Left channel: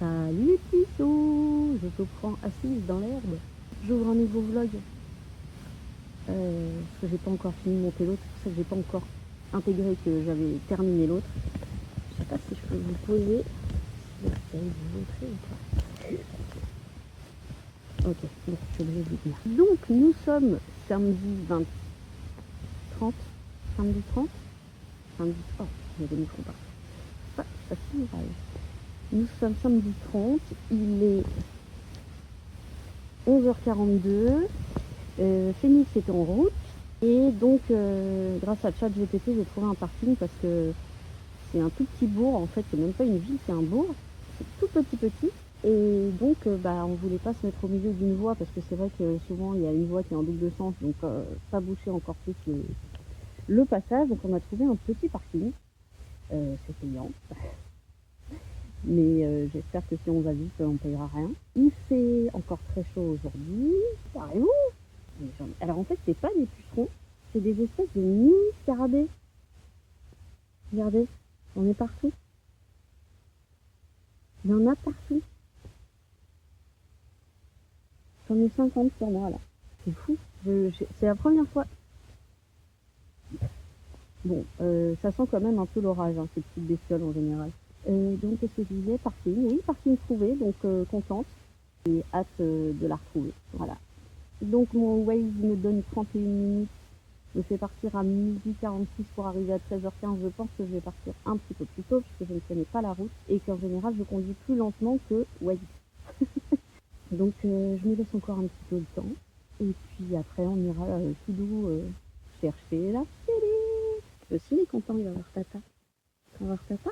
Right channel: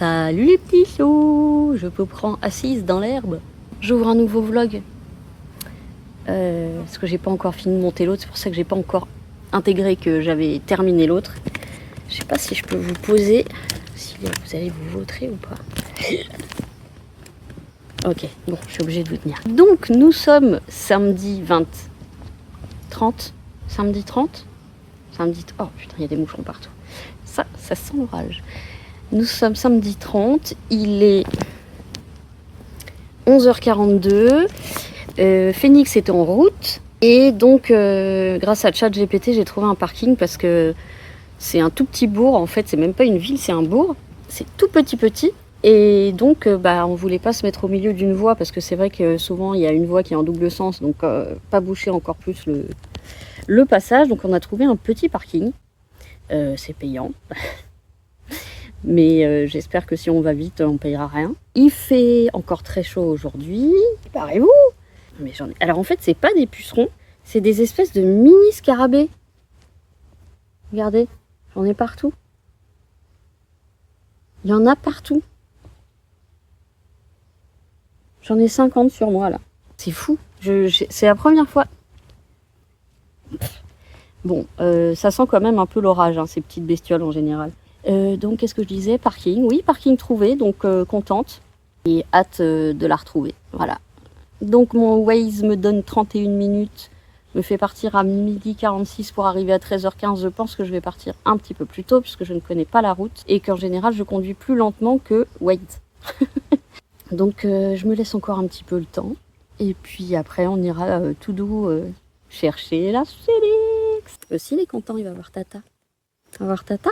Salut les petits choux, je vous prends assise dans l'herbe. J'ouvre un nouveau vlog parce que j'ai pas encore fini de monter l'autre, c'est pour ça que j'ai pas encore intégré que j'avais terminé l'autre. Je sais pas si je peux vous poser, si vous allez vous vautrer ou pas. Ok, bon, je suis obligée de vous tenir. Donc nous sommes samedi 30, samedi 30, samedi... Oh putain, il y a des moucherons partout. Ça sent l'orage. Nous sommes samedi 30, il est 11h42. Phoenix est en route. Et donc, grâce à ChatGPT, j'ai trouvé un parking parce que c'est un tout petit bourg. En fait, c'est même pas une ville, c'est un bourg. C'est tout petit. Et donc, on voulait pas se mettre au milieu d'une voie parce que c'est vrai que souvent, il y a une voie qui est en double sens. Donc, pas boucher encore plus le passage. Donc, on a trouvé un petit parking. C'est payant. Mais j'espère que si on va vite, on payera rien. Il fait encore très chaud aujourd'hui. Préparez-vous. Mais j'en ai... Alors en fait, c'est pas des pucerons, c'est des espèces de mini scarabées. Regardez, j'en ai partout. Il y en a partout. J'en ai 50 sur moi là. C'est fou. C'est la première fois. Bon, ça sent quand même un peu l'orage, hein, ces petites bestioles en général. Donc, qu'est-ce que je disais? Parking. Oui, parking trouvé, donc contente. Et hâte de la retrouver. Voilà. Donc, mon Waze me donne 31 minutes, me fait partir à 12h46 pour arriver à 13h15. Je pense que je vais partir un petit peu plus tôt, puisque je ne connais pas la route. Et qu'en général, je conduis plus lentement que Waze. Donc, je me laisse encore un petit peu le temps. Et puis après, on ira tout doux chercher la Félix. Aussi, il est content, il va voir Tata. Tu vas voir Tata?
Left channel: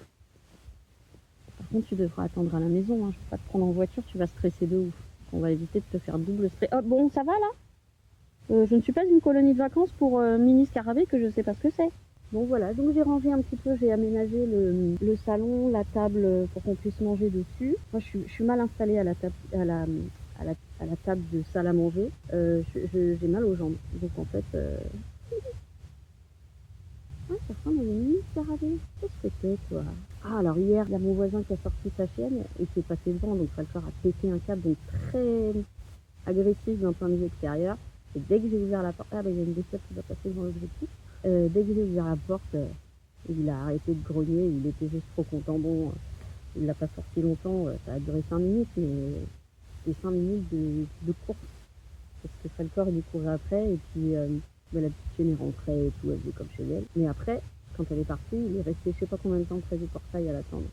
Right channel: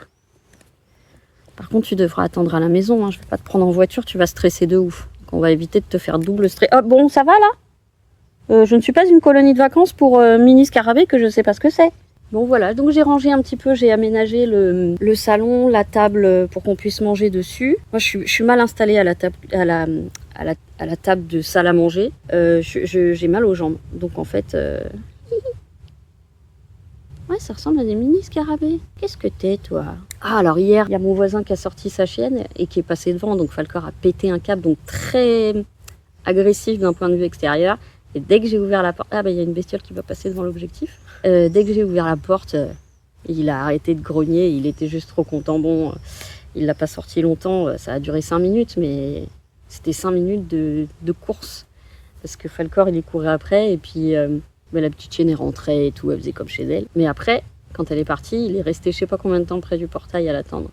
Par contre, tu devras attendre à la maison, hein. Je vais pas te prendre en voiture, tu vas stresser de ouf. Donc, on va éviter de te faire double stress. Oh, bon, ça va là? Je ne suis pas une colonie de vacances pour mini scarabée que je sais pas ce que c'est. Bon voilà, donc j'ai rangé un petit peu, j'ai aménagé le salon, la table pour qu'on puisse manger dessus. Moi je suis mal installée à la table, à la table de salle à manger. J'ai mal aux jambes, donc en fait... Ouais, ça ressemble à des mini scarabées. Qu'est-ce que t'es, toi? Ah, alors hier, il y a mon voisin qui a sorti sa chienne et qui est passé devant, donc Falcor a pété un câble, donc très agressif d'un point de vue extérieur. Et dès que j'ai ouvert la porte... Ah, il y a une bestiole qui va passer devant l'objectif. Dès que j'ai ouvert la porte, il a arrêté de grogner, il était juste trop content. Bon, il l'a pas sorti longtemps, ça a duré 5 minutes, mais c'était 5 minutes de course. Parce que Falcor, il est couru après, et puis... la petite chienne est rentrée et tout, elle faisait comme chez elle. Mais après, quand elle est partie, il est resté je sais pas combien de temps près du portail à l'attendre.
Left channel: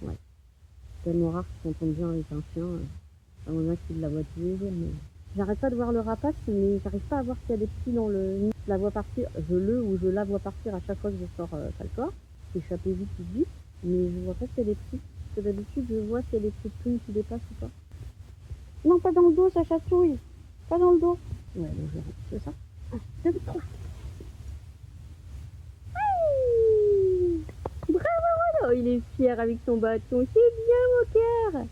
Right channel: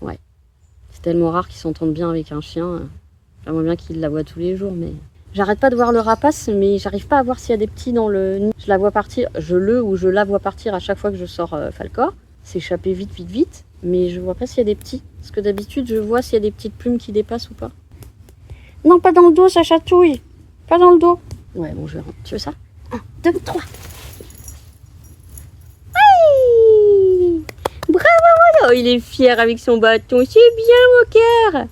Ouais. C'est tellement rare qu'ils s'entendent bien avec un chien. J'aimerais bien qu'il la voit tous les jours, mais... J'arrête pas de voir le rapace, mais j'arrive pas à voir s'il y a des petits dans le nid. Je la vois partir, je la vois partir à chaque fois que je sors Falcor. S'échapper vite, mais je vois pas s'il y a des petits. Parce que d'habitude, je vois s'il y a des petites plumes qui dépassent ou pas. Non, pas dans le dos, ça chatouille. Pas dans le dos. Ouais, bon, je vais rentrer. Tu veux ça? 1, 2, 3. Oui! Bravo! Oh, il est fier avec son bâton. C'est bien, Walker!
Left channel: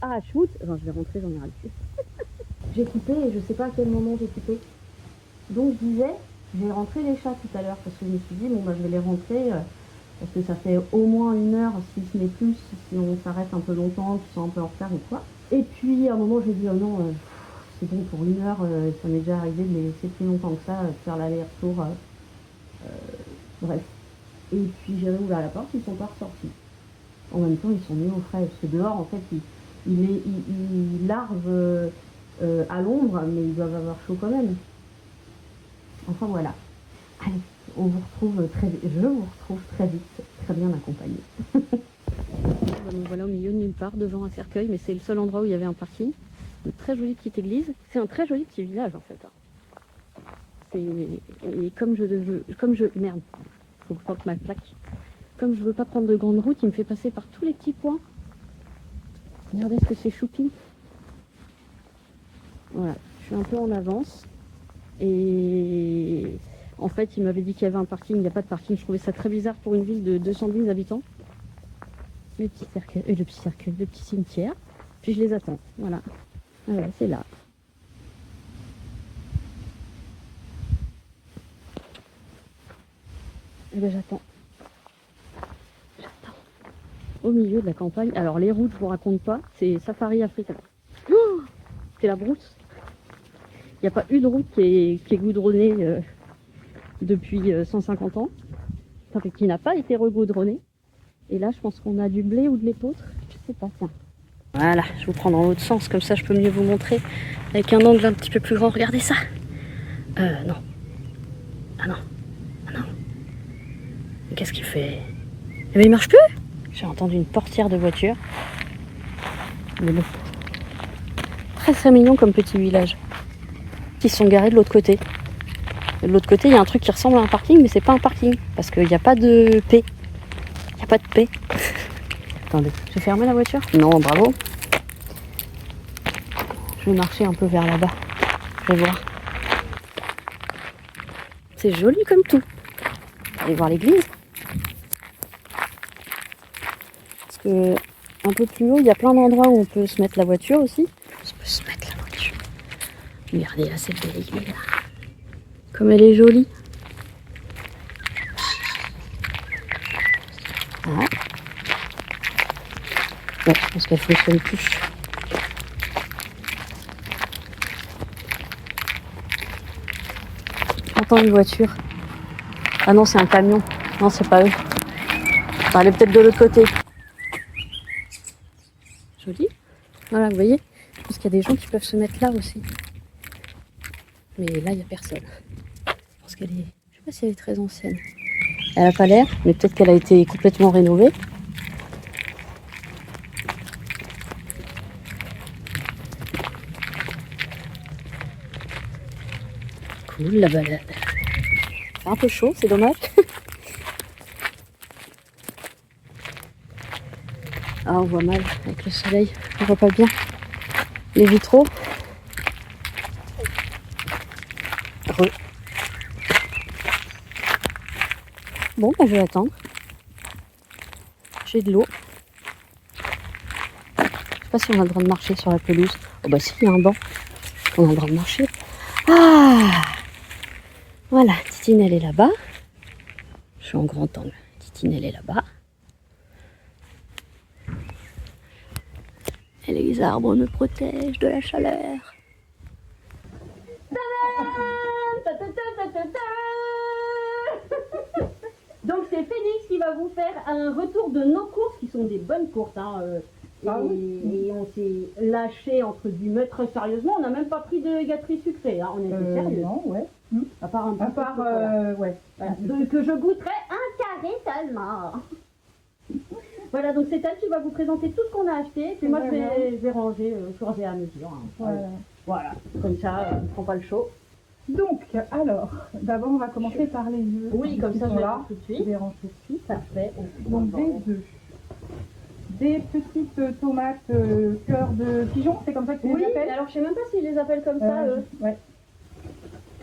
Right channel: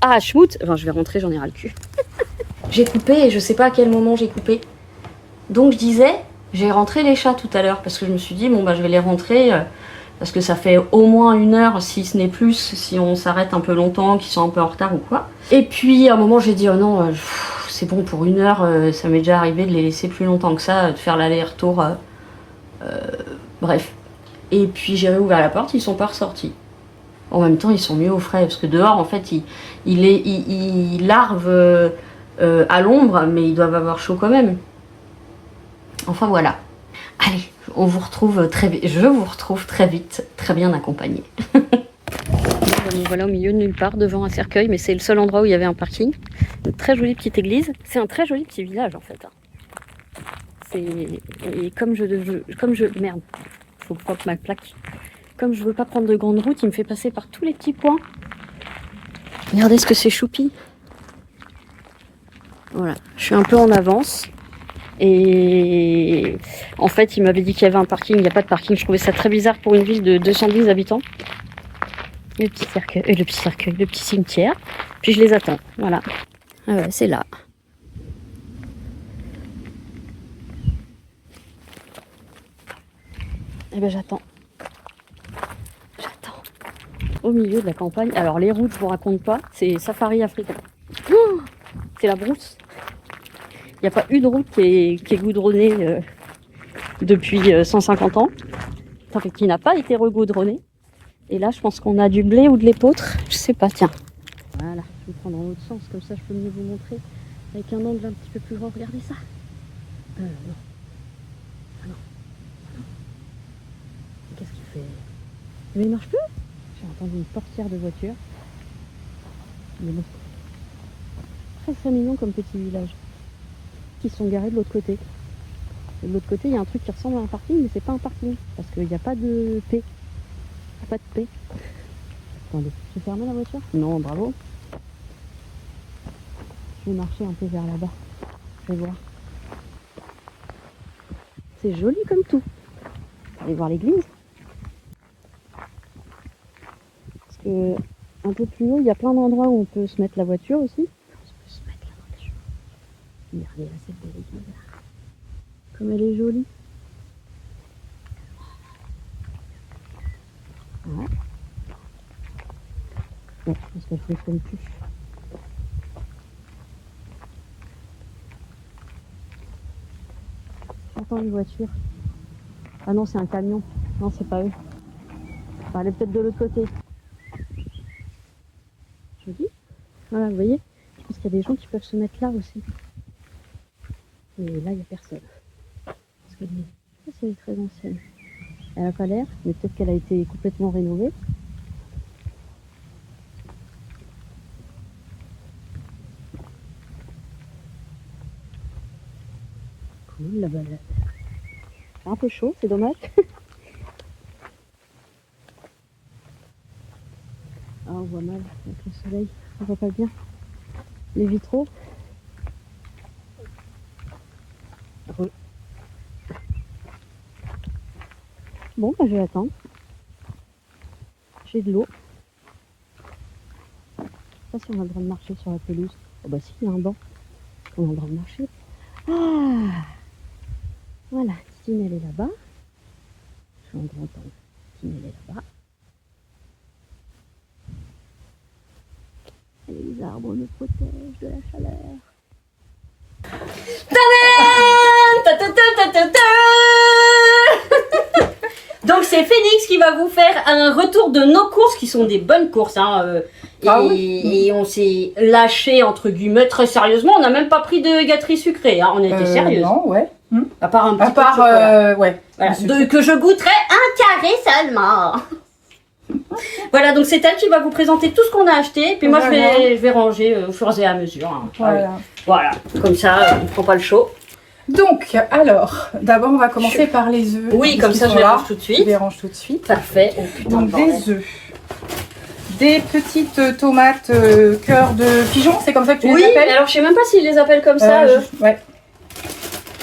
Ah, schmout! Enfin, je vais rentrer, j'en ai ras le cul. J'ai coupé et je sais pas à quel moment j'ai coupé. Donc, je disais, j'ai rentré les chats tout à l'heure parce que je me suis dit, bon, je vais les rentrer parce que ça fait au moins 1 heure, si ce n'est plus, si on s'arrête un peu longtemps, qu'ils sont un peu en retard ou quoi. Et puis, à un moment, j'ai dit, oh non, c'est bon pour 1 heure, ça m'est déjà arrivé de les laisser plus longtemps que ça, de faire l'aller-retour, bref. Et puis j'ai réouvert la porte, ils sont pas ressortis. En même temps, ils sont mieux au frais, parce que dehors, en fait, ils larvent à l'ombre, mais ils doivent avoir chaud quand même. Enfin voilà. Allez, on vous retrouve très vite. Je vous retrouve très vite, très bien accompagné. Donc voilà, au milieu de nulle part, devant un cercueil, mais c'est le seul endroit où il y avait un parking. Une très jolie petite église. C'est un très joli petit village en fait. Et comme merde, faut pas que ma plaque. Comme je veux pas prendre de grande route, il me fait passer par tous les petits points. Regardez ce que c'est choupi. Voilà, je suis un peu en avance. Et en fait, il m'avait dit qu'il y avait un parking. Il n'y a pas de parking. Je trouvais ça très bizarre pour une ville de 210 habitants. Le petit cercueil, le petit cimetière. Puis je les attends. Voilà. Ah ouais, c'est là. Et ben j'attends. au milieu de la campagne. Alors les routes, je vous raconte pas, c'est safari africain. Oh, c'est la brousse. Il n'y a pas une route qui est goudronnée depuis 150 ans. Enfin, qui n'a pas été regoudronnée. Et là, je pense qu'on a du blé ou de l'épeautre. Je sais pas, tiens. Voilà, je vous prends dans l'autre sens, comme ça je peux mieux vous montrer. Avec un angle un petit peu plus grand, regardez ça. Non. Ah non. Ah non. Qu'est-ce qu'il fait? Eh ben, il marche plus. J'ai entendu une portière de voiture. Mais bon. Très très mignon comme petit village. Qui se sont garés de l'autre côté. De l'autre côté, il y a un truc qui ressemble à un parking, mais c'est pas un parking. Parce qu'il n'y a pas de paix. Il n'y a pas de paix. Attendez, je vais fermer la voiture? Non, bravo. Je vais marcher un peu vers là-bas. Je vais voir. C'est joli comme tout. Allez voir l'église. Parce que un peu plus haut, il y a plein d'endroits où on peut se mettre la voiture aussi. On peut se mettre la voiture. Regardez là, cette belle église là. Comme elle est jolie. Ah. Ouais, je pense qu'elle fonctionne plus. J'entends une voiture. Ah non, c'est un camion. Non, c'est pas eux. Enfin, elle est peut-être de l'autre côté. Joli. Voilà, vous voyez. Je pense qu'il y a des gens qui peuvent se mettre là aussi. Mais là, il n'y a personne. Je pense qu'elle est... Je sais pas si elle est très ancienne. Elle n'a pas l'air, mais peut-être qu'elle a été complètement rénovée. Cool la balade. C'est un peu chaud, c'est dommage. Ah, on voit mal avec le soleil. On voit pas bien les vitraux. Bon, bah, je vais attendre. J'ai de l'eau. Je sais pas si on a le droit de marcher sur la pelouse. Oh bah si, il y a un banc. On a le droit de marcher. Ah! Voilà, Titine, elle est là-bas. Je suis en grand angle. Titine, elle est là-bas. Et les arbres me protègent de la chaleur. Donc c'est Phoenix qui va vous faire un retour de nos courses qui sont des bonnes courses. Hein, et on s'est lâché entre guillemets très sérieusement. On n'a même pas pris de gâterie sucrée. Hein, on était sérieux. Non, ouais. À part un petit peu de chocolat. Ouais. Voilà, que je goûterai un carré seulement. Voilà, donc c'est elle qui va vous présenter tout ce qu'on a acheté. Puis moi, je vais ranger au fur et à mesure. Hein. Voilà, comme ça, on ne prend pas le chaud. Donc, alors, d'abord, on va commencer par les œufs. Oui, comme ça, je les range tout de suite. Je les range tout de suite. Parfait. Oh, putain, donc, des œufs. Des petites tomates cœur de pigeon, c'est comme ça que tu les appelles? Oui, alors je sais même pas s'ils les appellent comme ça, eux. Ouais.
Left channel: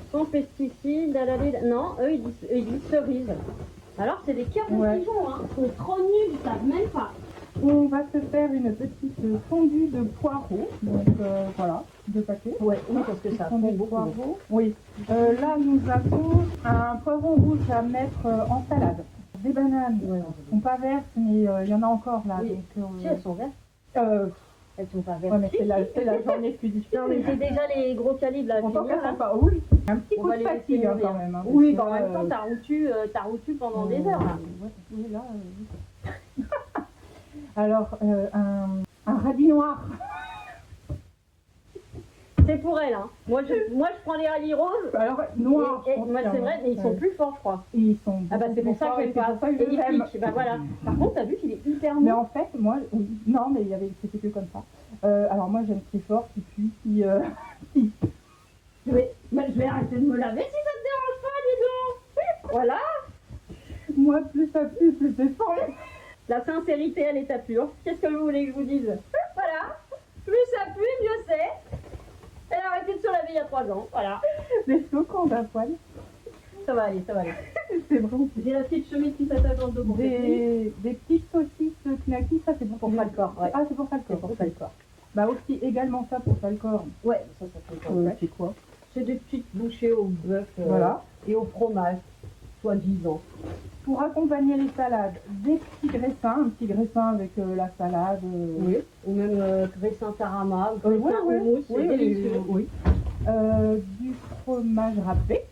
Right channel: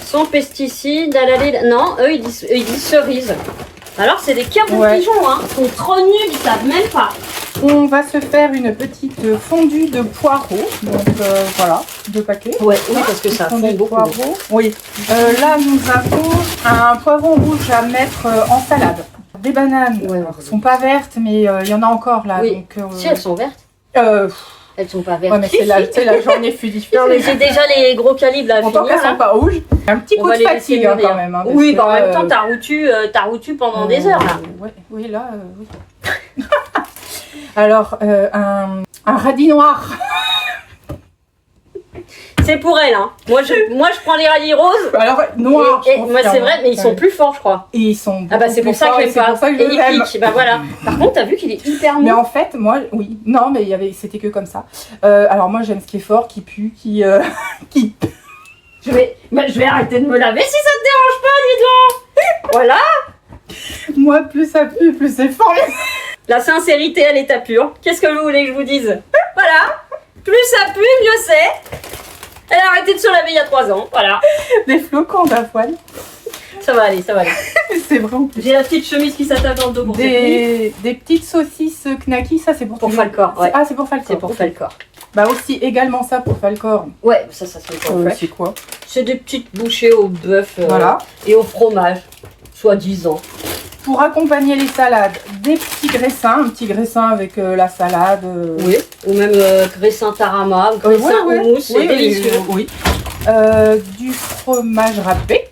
Sans pesticides, non, eux ils disent cerises. Alors c'est des cœurs de pigeon, hein. Ils sont trop nuls, ils savent même pas. On va se faire une petite fondue de poireaux. Donc voilà, 2 paquets. Ouais, oui, parce que ça fond beaucoup. Poireaux. Oui. Là nous avons un poivron rouge à mettre en salade. Des bananes, ne sont pas vertes, mais il y en a encore là. Oui. Donc, si elles sont vertes. Elles sont pas vertes. Ouais, mais c'est la journée fut difficile. Non, mais j'ai déjà les gros calibres là. En tant qu'elles sont pas rouges. Un petit coup de fatigue hein, quand même. Hein, oui, en même temps, t'as routu pendant des heures là. Oui, là, oui. Alors, un radis noir. C'est pour elle, hein. Moi, je prends les radis roses. Alors, noir. Moi, c'est vrai, mais ils sont plus forts, je crois. Et ils sont. Ah, bah, c'est pour ça que j'aime pas. Et ils piquent. Bah, voilà. Par contre, t'as vu qu'il est hyper mou. Mais en fait, moi, oui. Non, mais c'était que comme ça. Alors, moi, j'aime ce qui est fort, qui pue, qui. Je vais arrêter de me laver si ça te dérange pas, dis donc. Voilà. Moi, plus ça pue, plus c'est fort. La sincérité à l'état pur. Qu'est-ce que vous voulez que je vous dise? Voilà. Plus ça pue, mieux c'est. Elle a arrêté de se laver il y a 3 ans, voilà. Des flocons d'avoine. Ça va aller, ça va aller. C'est vrai en plus. J'ai la petite chemise qui s'attache dans le dos pour des petites saucisses knacky, ça c'est pour Falcor. Ouais. Ah, c'est pour Falcor. C'est pour Falcor. Bah aussi également ça pour Falcor. Ouais, ça c'est pour C'est quoi? C'est des petites bouchées au bœuf voilà. Et au fromage. Soi-disant. Pour accompagner les salades, des petits graissins, un petit graissin avec la salade. Oui, ou même graissin tarama, graissin houmous, c'est délicieux. Oui. Du fromage râpé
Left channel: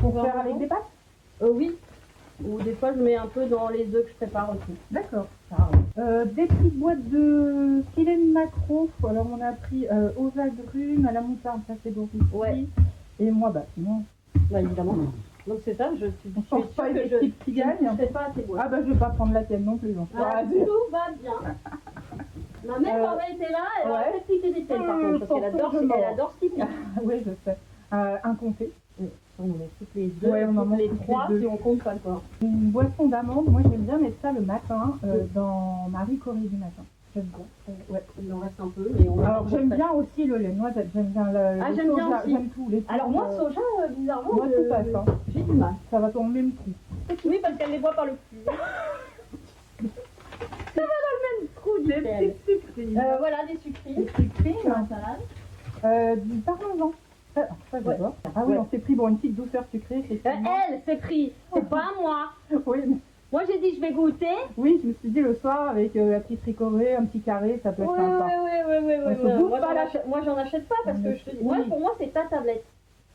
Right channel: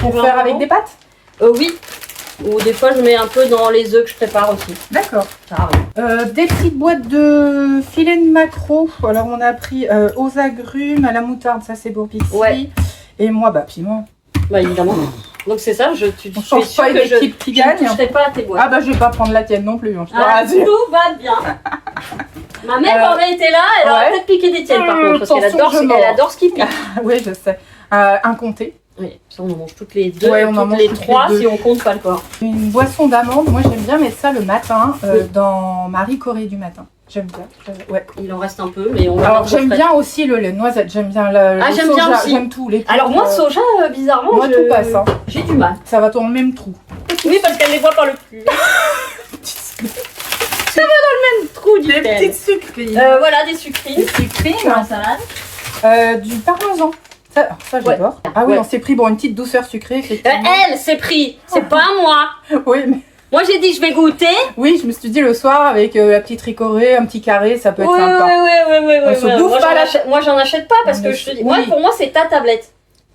pour faire avec des pâtes. Oui. Ou des fois je mets un peu dans les œufs que je prépare aussi. D'accord. Ça arrive. Des petites boîtes de filets de maquereau. Alors on a pris aux agrumes, à la moutarde, ça c'est pour Pixie. Ouais. Et moi, bah piment. Bah évidemment. Donc c'est ça, On change pas une équipe qui gagne. Je ne toucherai pas à tes boîtes. Ah bah je vais pas prendre la tienne non plus. Hein, je te rassure. Tout va bien. Ma mère aurait été là, elle aurait peut-être piqué des tiennes par contre, parce qu'elle adore ce qui pique. Oui, je sais. Un comté. Oui, ça on en mange toutes les deux, on en mange les trois si on compte pas le corps. Une boisson d'amande, moi j'aime bien mettre ça le matin dans Marie Corée du matin. J'aime bien. Ouais. Il en reste un peu, mais on va. Alors j'aime bien aussi le lait de noisette, j'aime bien le j'aime soja, bien aussi. j'aime tout. Les alors moi soja, bizarrement, moi tout passe. Hein. J'ai du mal. Ça va dans le même trou. Oui, parce qu'elle les voit par le cul. Ça va dans le même trou du Des petites sucrines. Voilà, des sucrines. Des sucrines. Pour la salade. Du parmesan. Ça j'adore. Ah oui, on s'est pris pour une petite douceur sucrée, effectivement. Elle s'est pris, c'est pas moi. Oui, mais... Moi j'ai dit je vais goûter. Oui, je me suis dit le soir avec la petite ricorée, un petit carré, ça peut être sympa. Oui. On se bouffe pas moi j'en achète pas parce que je te dis, moi pour moi c'est ta tablette.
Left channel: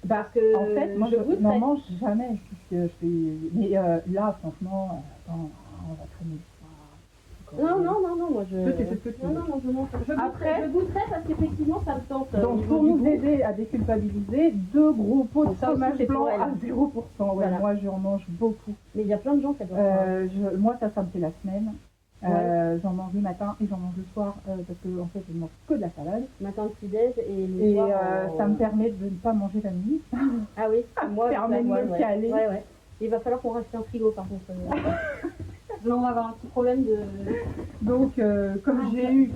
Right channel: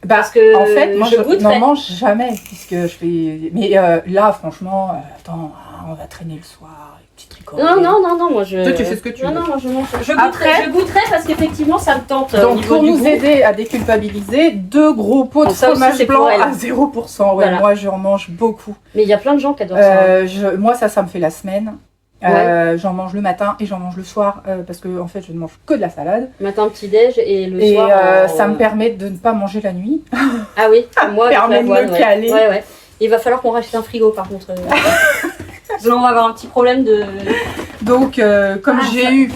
Parce que en fait, moi je n'en mange mange jamais puisque je fais. Mais là, franchement, attends, on va traîner le soir. Non, moi je. Toi, tu fais ce que tu veux. Non, moi je mange. Je goûterai parce qu'effectivement ça me tente. Donc, pour nous aider à déculpabiliser, 2 gros pots de fromage blanc à 0%. Ouais, voilà. Moi j'en mange beaucoup. Mais il y a plein de gens qui adorent ça. Moi, ça me fait la semaine. J'en mange le matin et j'en mange le soir parce que en fait je ne mange que de la salade. Matin petit-déj et le soir. Ça me permet de ne pas manger la nuit. Ah oui, moi ça permet de me caler. Ouais. Il va falloir qu'on rachète un frigo par contre. Sinon on va avoir un petit problème de... Donc comme j'ai eu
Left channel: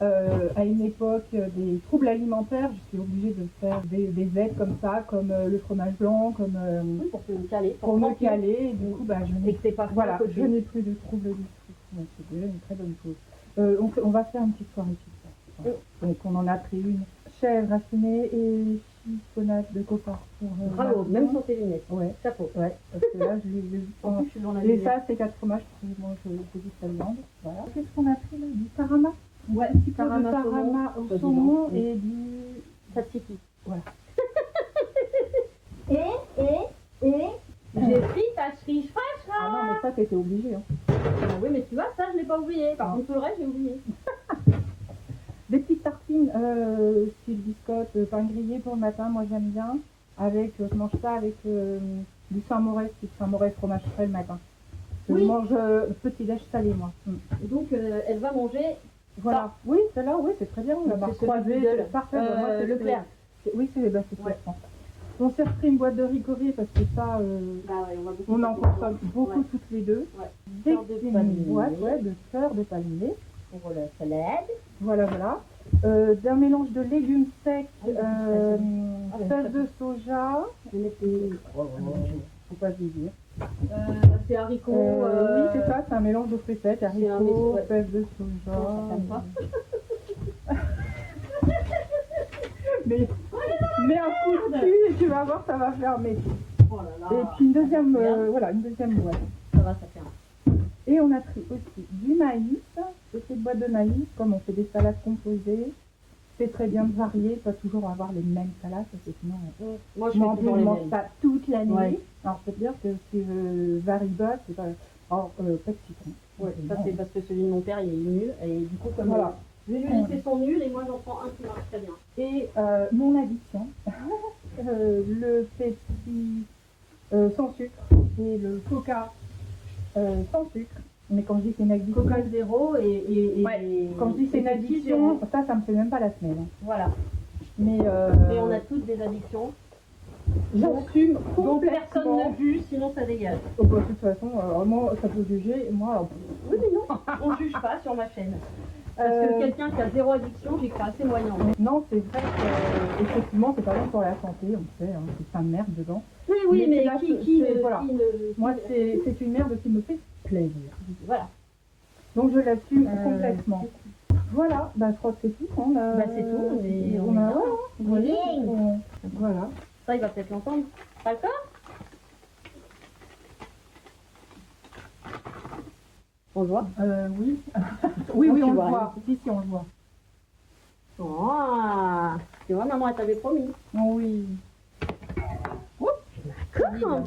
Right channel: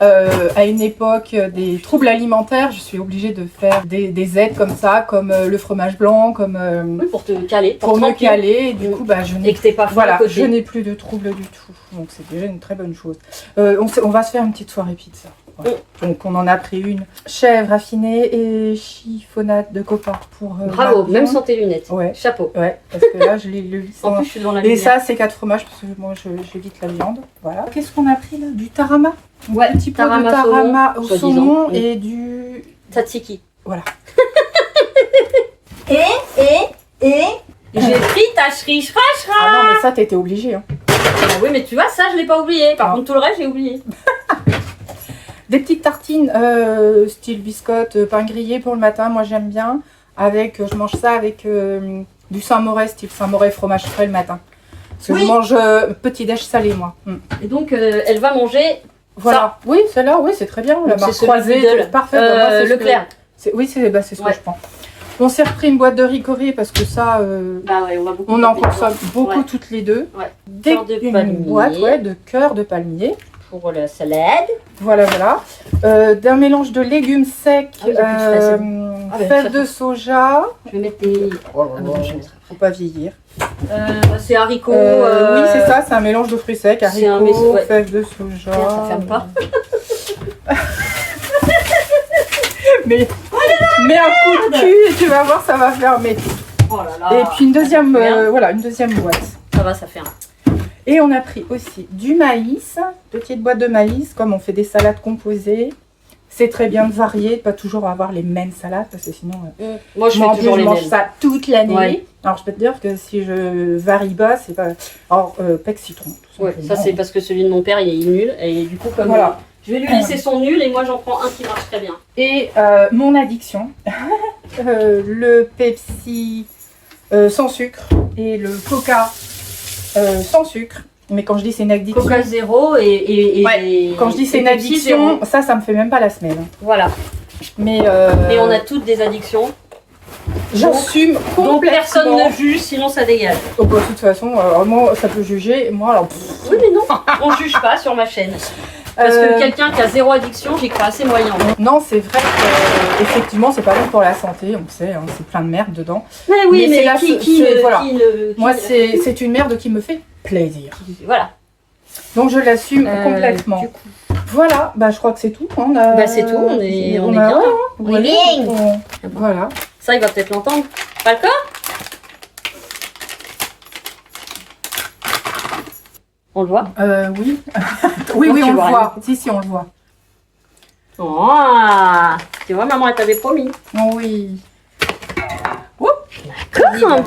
à une époque des troubles alimentaires, je suis obligée de faire des aides comme ça, comme le fromage blanc, comme... oui, pour te caler. Pour me caler, et du coup bah, je n'ai je n'ai plus de troubles du tout. Donc c'est déjà une très bonne chose. On va se faire une petite soirée pizza. Voilà. Donc on en a pris une. Chèvre affinée et chiffonnade de copain pour... Bravo, même sans tes lunettes. Ouais. Chapeau. Ouais, parce que là je l'ai lu. En plus je suis dans la lumière. Et ça c'est 4 fromages parce que moi j'évite la viande. Voilà. Qu'est-ce qu'on a pris là? Du tarama. Ouais, un petit peu de tarama au saumon et du... Tzatziki. Voilà. Et j'ai pris ta shrichra. Ah non mais ça t'étais obligée. Hein. Ah oui mais tu vois ça je l'ai pas oublié. Par contre tout le reste j'ai oublié. Des petites tartines style biscotte, pain grillé pour le matin, moi j'aime bien. Je mange ça avec du Saint-Moré, style Saint-Moré fromage frais le matin. Parce que je mange petit déj salé moi. Et donc elle va manger voilà. Ça. Oui, celle-là, oui, c'est très bien. La marque croisée, c'est parfait. Leclerc. Oui, c'est ce que je prends. On s'est repris une boîte de ricoré parce que ça, on en consomme beaucoup toutes les deux. Ouais. Une boîte de cœur de palmier. Pour la salade. Voilà. D'un mélange de légumes secs, fèves de soja. Je vais mettre des... Faut pas vieillir. C'est haricots. Oui, c'est ça, c'est un mélange de fruits secs, haricots, fèves de soja. Ça ferme pas. mais un coup de cul et tu vas voir, ça va fermer. Oh là là. Et puis une deuxième boîte. Ça va, ça ferme. Et on a pris aussi du maïs, petite boîte de maïs, comme on fait des salades composées. C'est très bien de varier, pas toujours avoir les mêmes salades, parce que sinon, moi je mange ça toute l'année. Ouais. Alors je peux te dire que si je varie pas, c'est pas... Alors, pec citron. Ouais, ça c'est parce que celui de mon père, il est nul, et du coup comme je vais lui laisser son nul, et moi j'en prends un qui marche très bien. Et mon addiction, le Pepsi sans sucre et le Coca sans sucre. Mais quand je dis c'est une addiction... Coca zéro et quand je dis c'est une addiction, ça me fait même pas la semaine. Voilà. Mais et on a toutes des addictions. J'assume complètement. Donc personne ne juge, sinon ça dégage. Oh, bah, de toute façon, moi ça peut juger, moi alors... Oui mais non, on juge pas sur ma chaîne. Parce que quelqu'un qui a zéro addiction, j'y crois assez moyen. Non, c'est vrai que effectivement, c'est pas bon pour la santé, on sait, hein, c'est plein de merde dedans. Mais oui, mais moi, c'est une merde qui me fait plaisir. Voilà. Donc je l'assume complètement. Voilà, bah je crois que c'est tout. Hein, c'est tout, on est bien. Voilà. Ça, il va peut-être l'entendre. Pas le corps? On le voit? Oui. Oui, Non, oui, tu on le vois voit. Si, on le voit. Oh, tu vois, maman, elle t'avait promis. Oui. D'accord.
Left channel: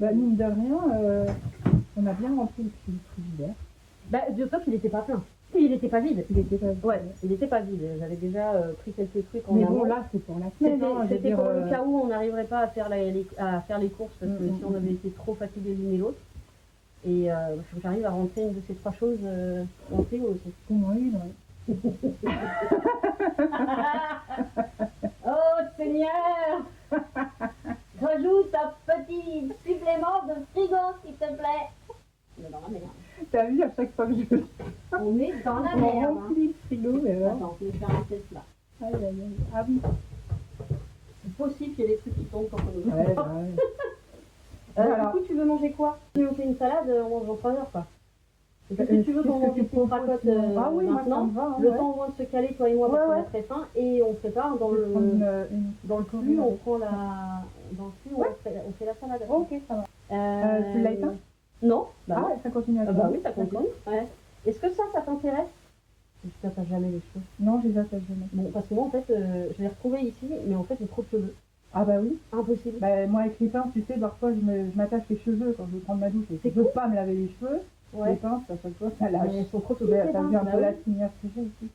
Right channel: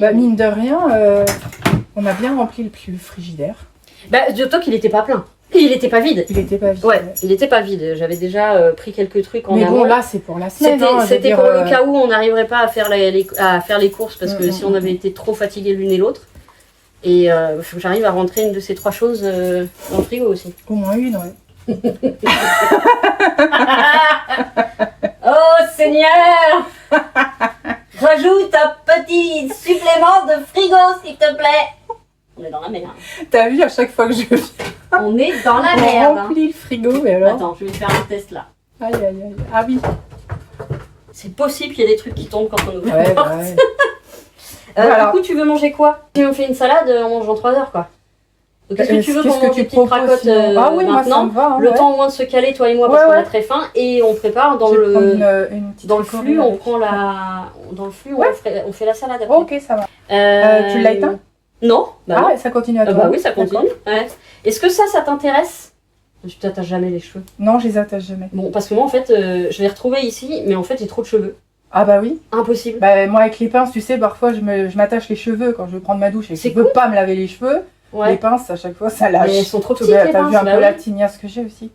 Bah, mine de rien, on a bien rempli le frigidaire. Bah, dis-toi qu'il était pas plein. Il était pas vide. Il était pas vide. Ouais, il était pas vide. J'avais déjà pris quelques trucs en Mais amont. bon, là, c'est pour la semaine. Hein, je veux C'était dire, pour le cas où on n'arriverait pas à faire à faire les courses parce que si on mm. avait été trop fatigués l'une et l'autre. Et faut que j'arrive à rentrer une de ces 3 choses dans le frigo aussi. Au moins une, ouais. Oh Seigneur! Rajoute un petit supplément de frigo s'il te plaît. On est dans la merde. T'as vu, à chaque fois que je viens, On est dans la on merde. remplit le frigo, mais alors... Attends, je vais faire un test là. Aïe, aïe, aïe. Ah oui. C'est possible qu'il y ait des trucs qui tombent quand on ouvre la Ouais, porte. ouais. Du coup, tu veux manger quoi? Si on fait une salade, on mange en 3 heures quoi. Donc, qu'est-ce que tu veux qu'on mange des petites cracottes Ah oui, moi ça maintenant? me va. Hein, Le ouais. temps au moins de se caler, toi et moi, parce Ouais, qu'on ouais. a très faim. Et on prépare dans Je vais prendre le... une petite Dans le ricorée flux, on avec. prend dans le flux, Ouais. on fait la salade après. Ok, ça va. Tu l'as éteint? Non. Bah Ah, ça continue à non. toi. Bah oui, ça continue. Ouais. Est-ce que ça t'intéresse? Tu t'attaches jamais les cheveux. Non, je les attache jamais. Bon, parce que moi, en fait, je l'ai retrouvé ici, mais en fait, j'ai trop de cheveux. Ah bah oui. Impossible. Bah moi avec les pinces, tu sais, parfois je m'attache les cheveux quand je veux prendre ma douche et que je C'est peux cool. pas me laver les cheveux. Les Ouais. pinces, à chaque fois, ça lâche. Mais elles sont trop petites, T'as les pinces. vu un Bah peu oui. la tignasse que j'ai aussi.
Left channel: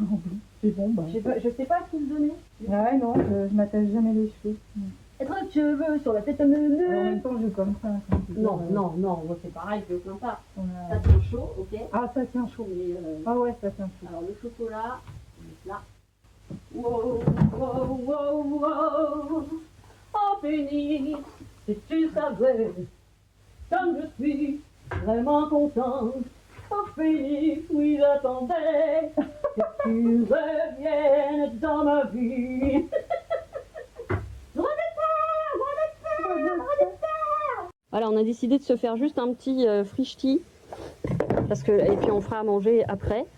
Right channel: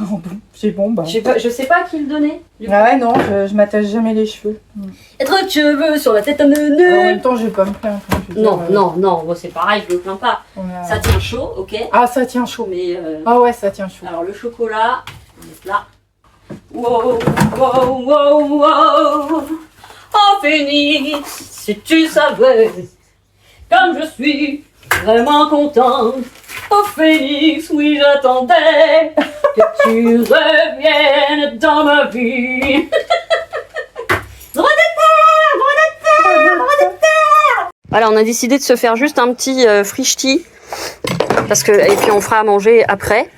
Bon, j'ai bon, bah. Je sais pas à qui le donner. Ah ouais, non, je m'attache jamais les cheveux. Trop de cheveux sur la tête à En neuneu. même temps, je vais pas me plaindre. Hein, je veux Non, dire, non, bon, c'est pareil, je me plains pas. on a- Ça tient chaud, ok. Ah, ça tient chaud. Mais Ah ouais, ça tient chaud. alors le chocolat, on est là. Wow, wow, wow, wow. Oh Phénix, si tu savais comme je suis vraiment contente. Oh Phénix, oui j'attendais que tu reviennes dans ma vie. Droit de terre, droit de terre. Voilà, on a décidé de se faire juste un petit frichti parce que et puis on fera à manger après.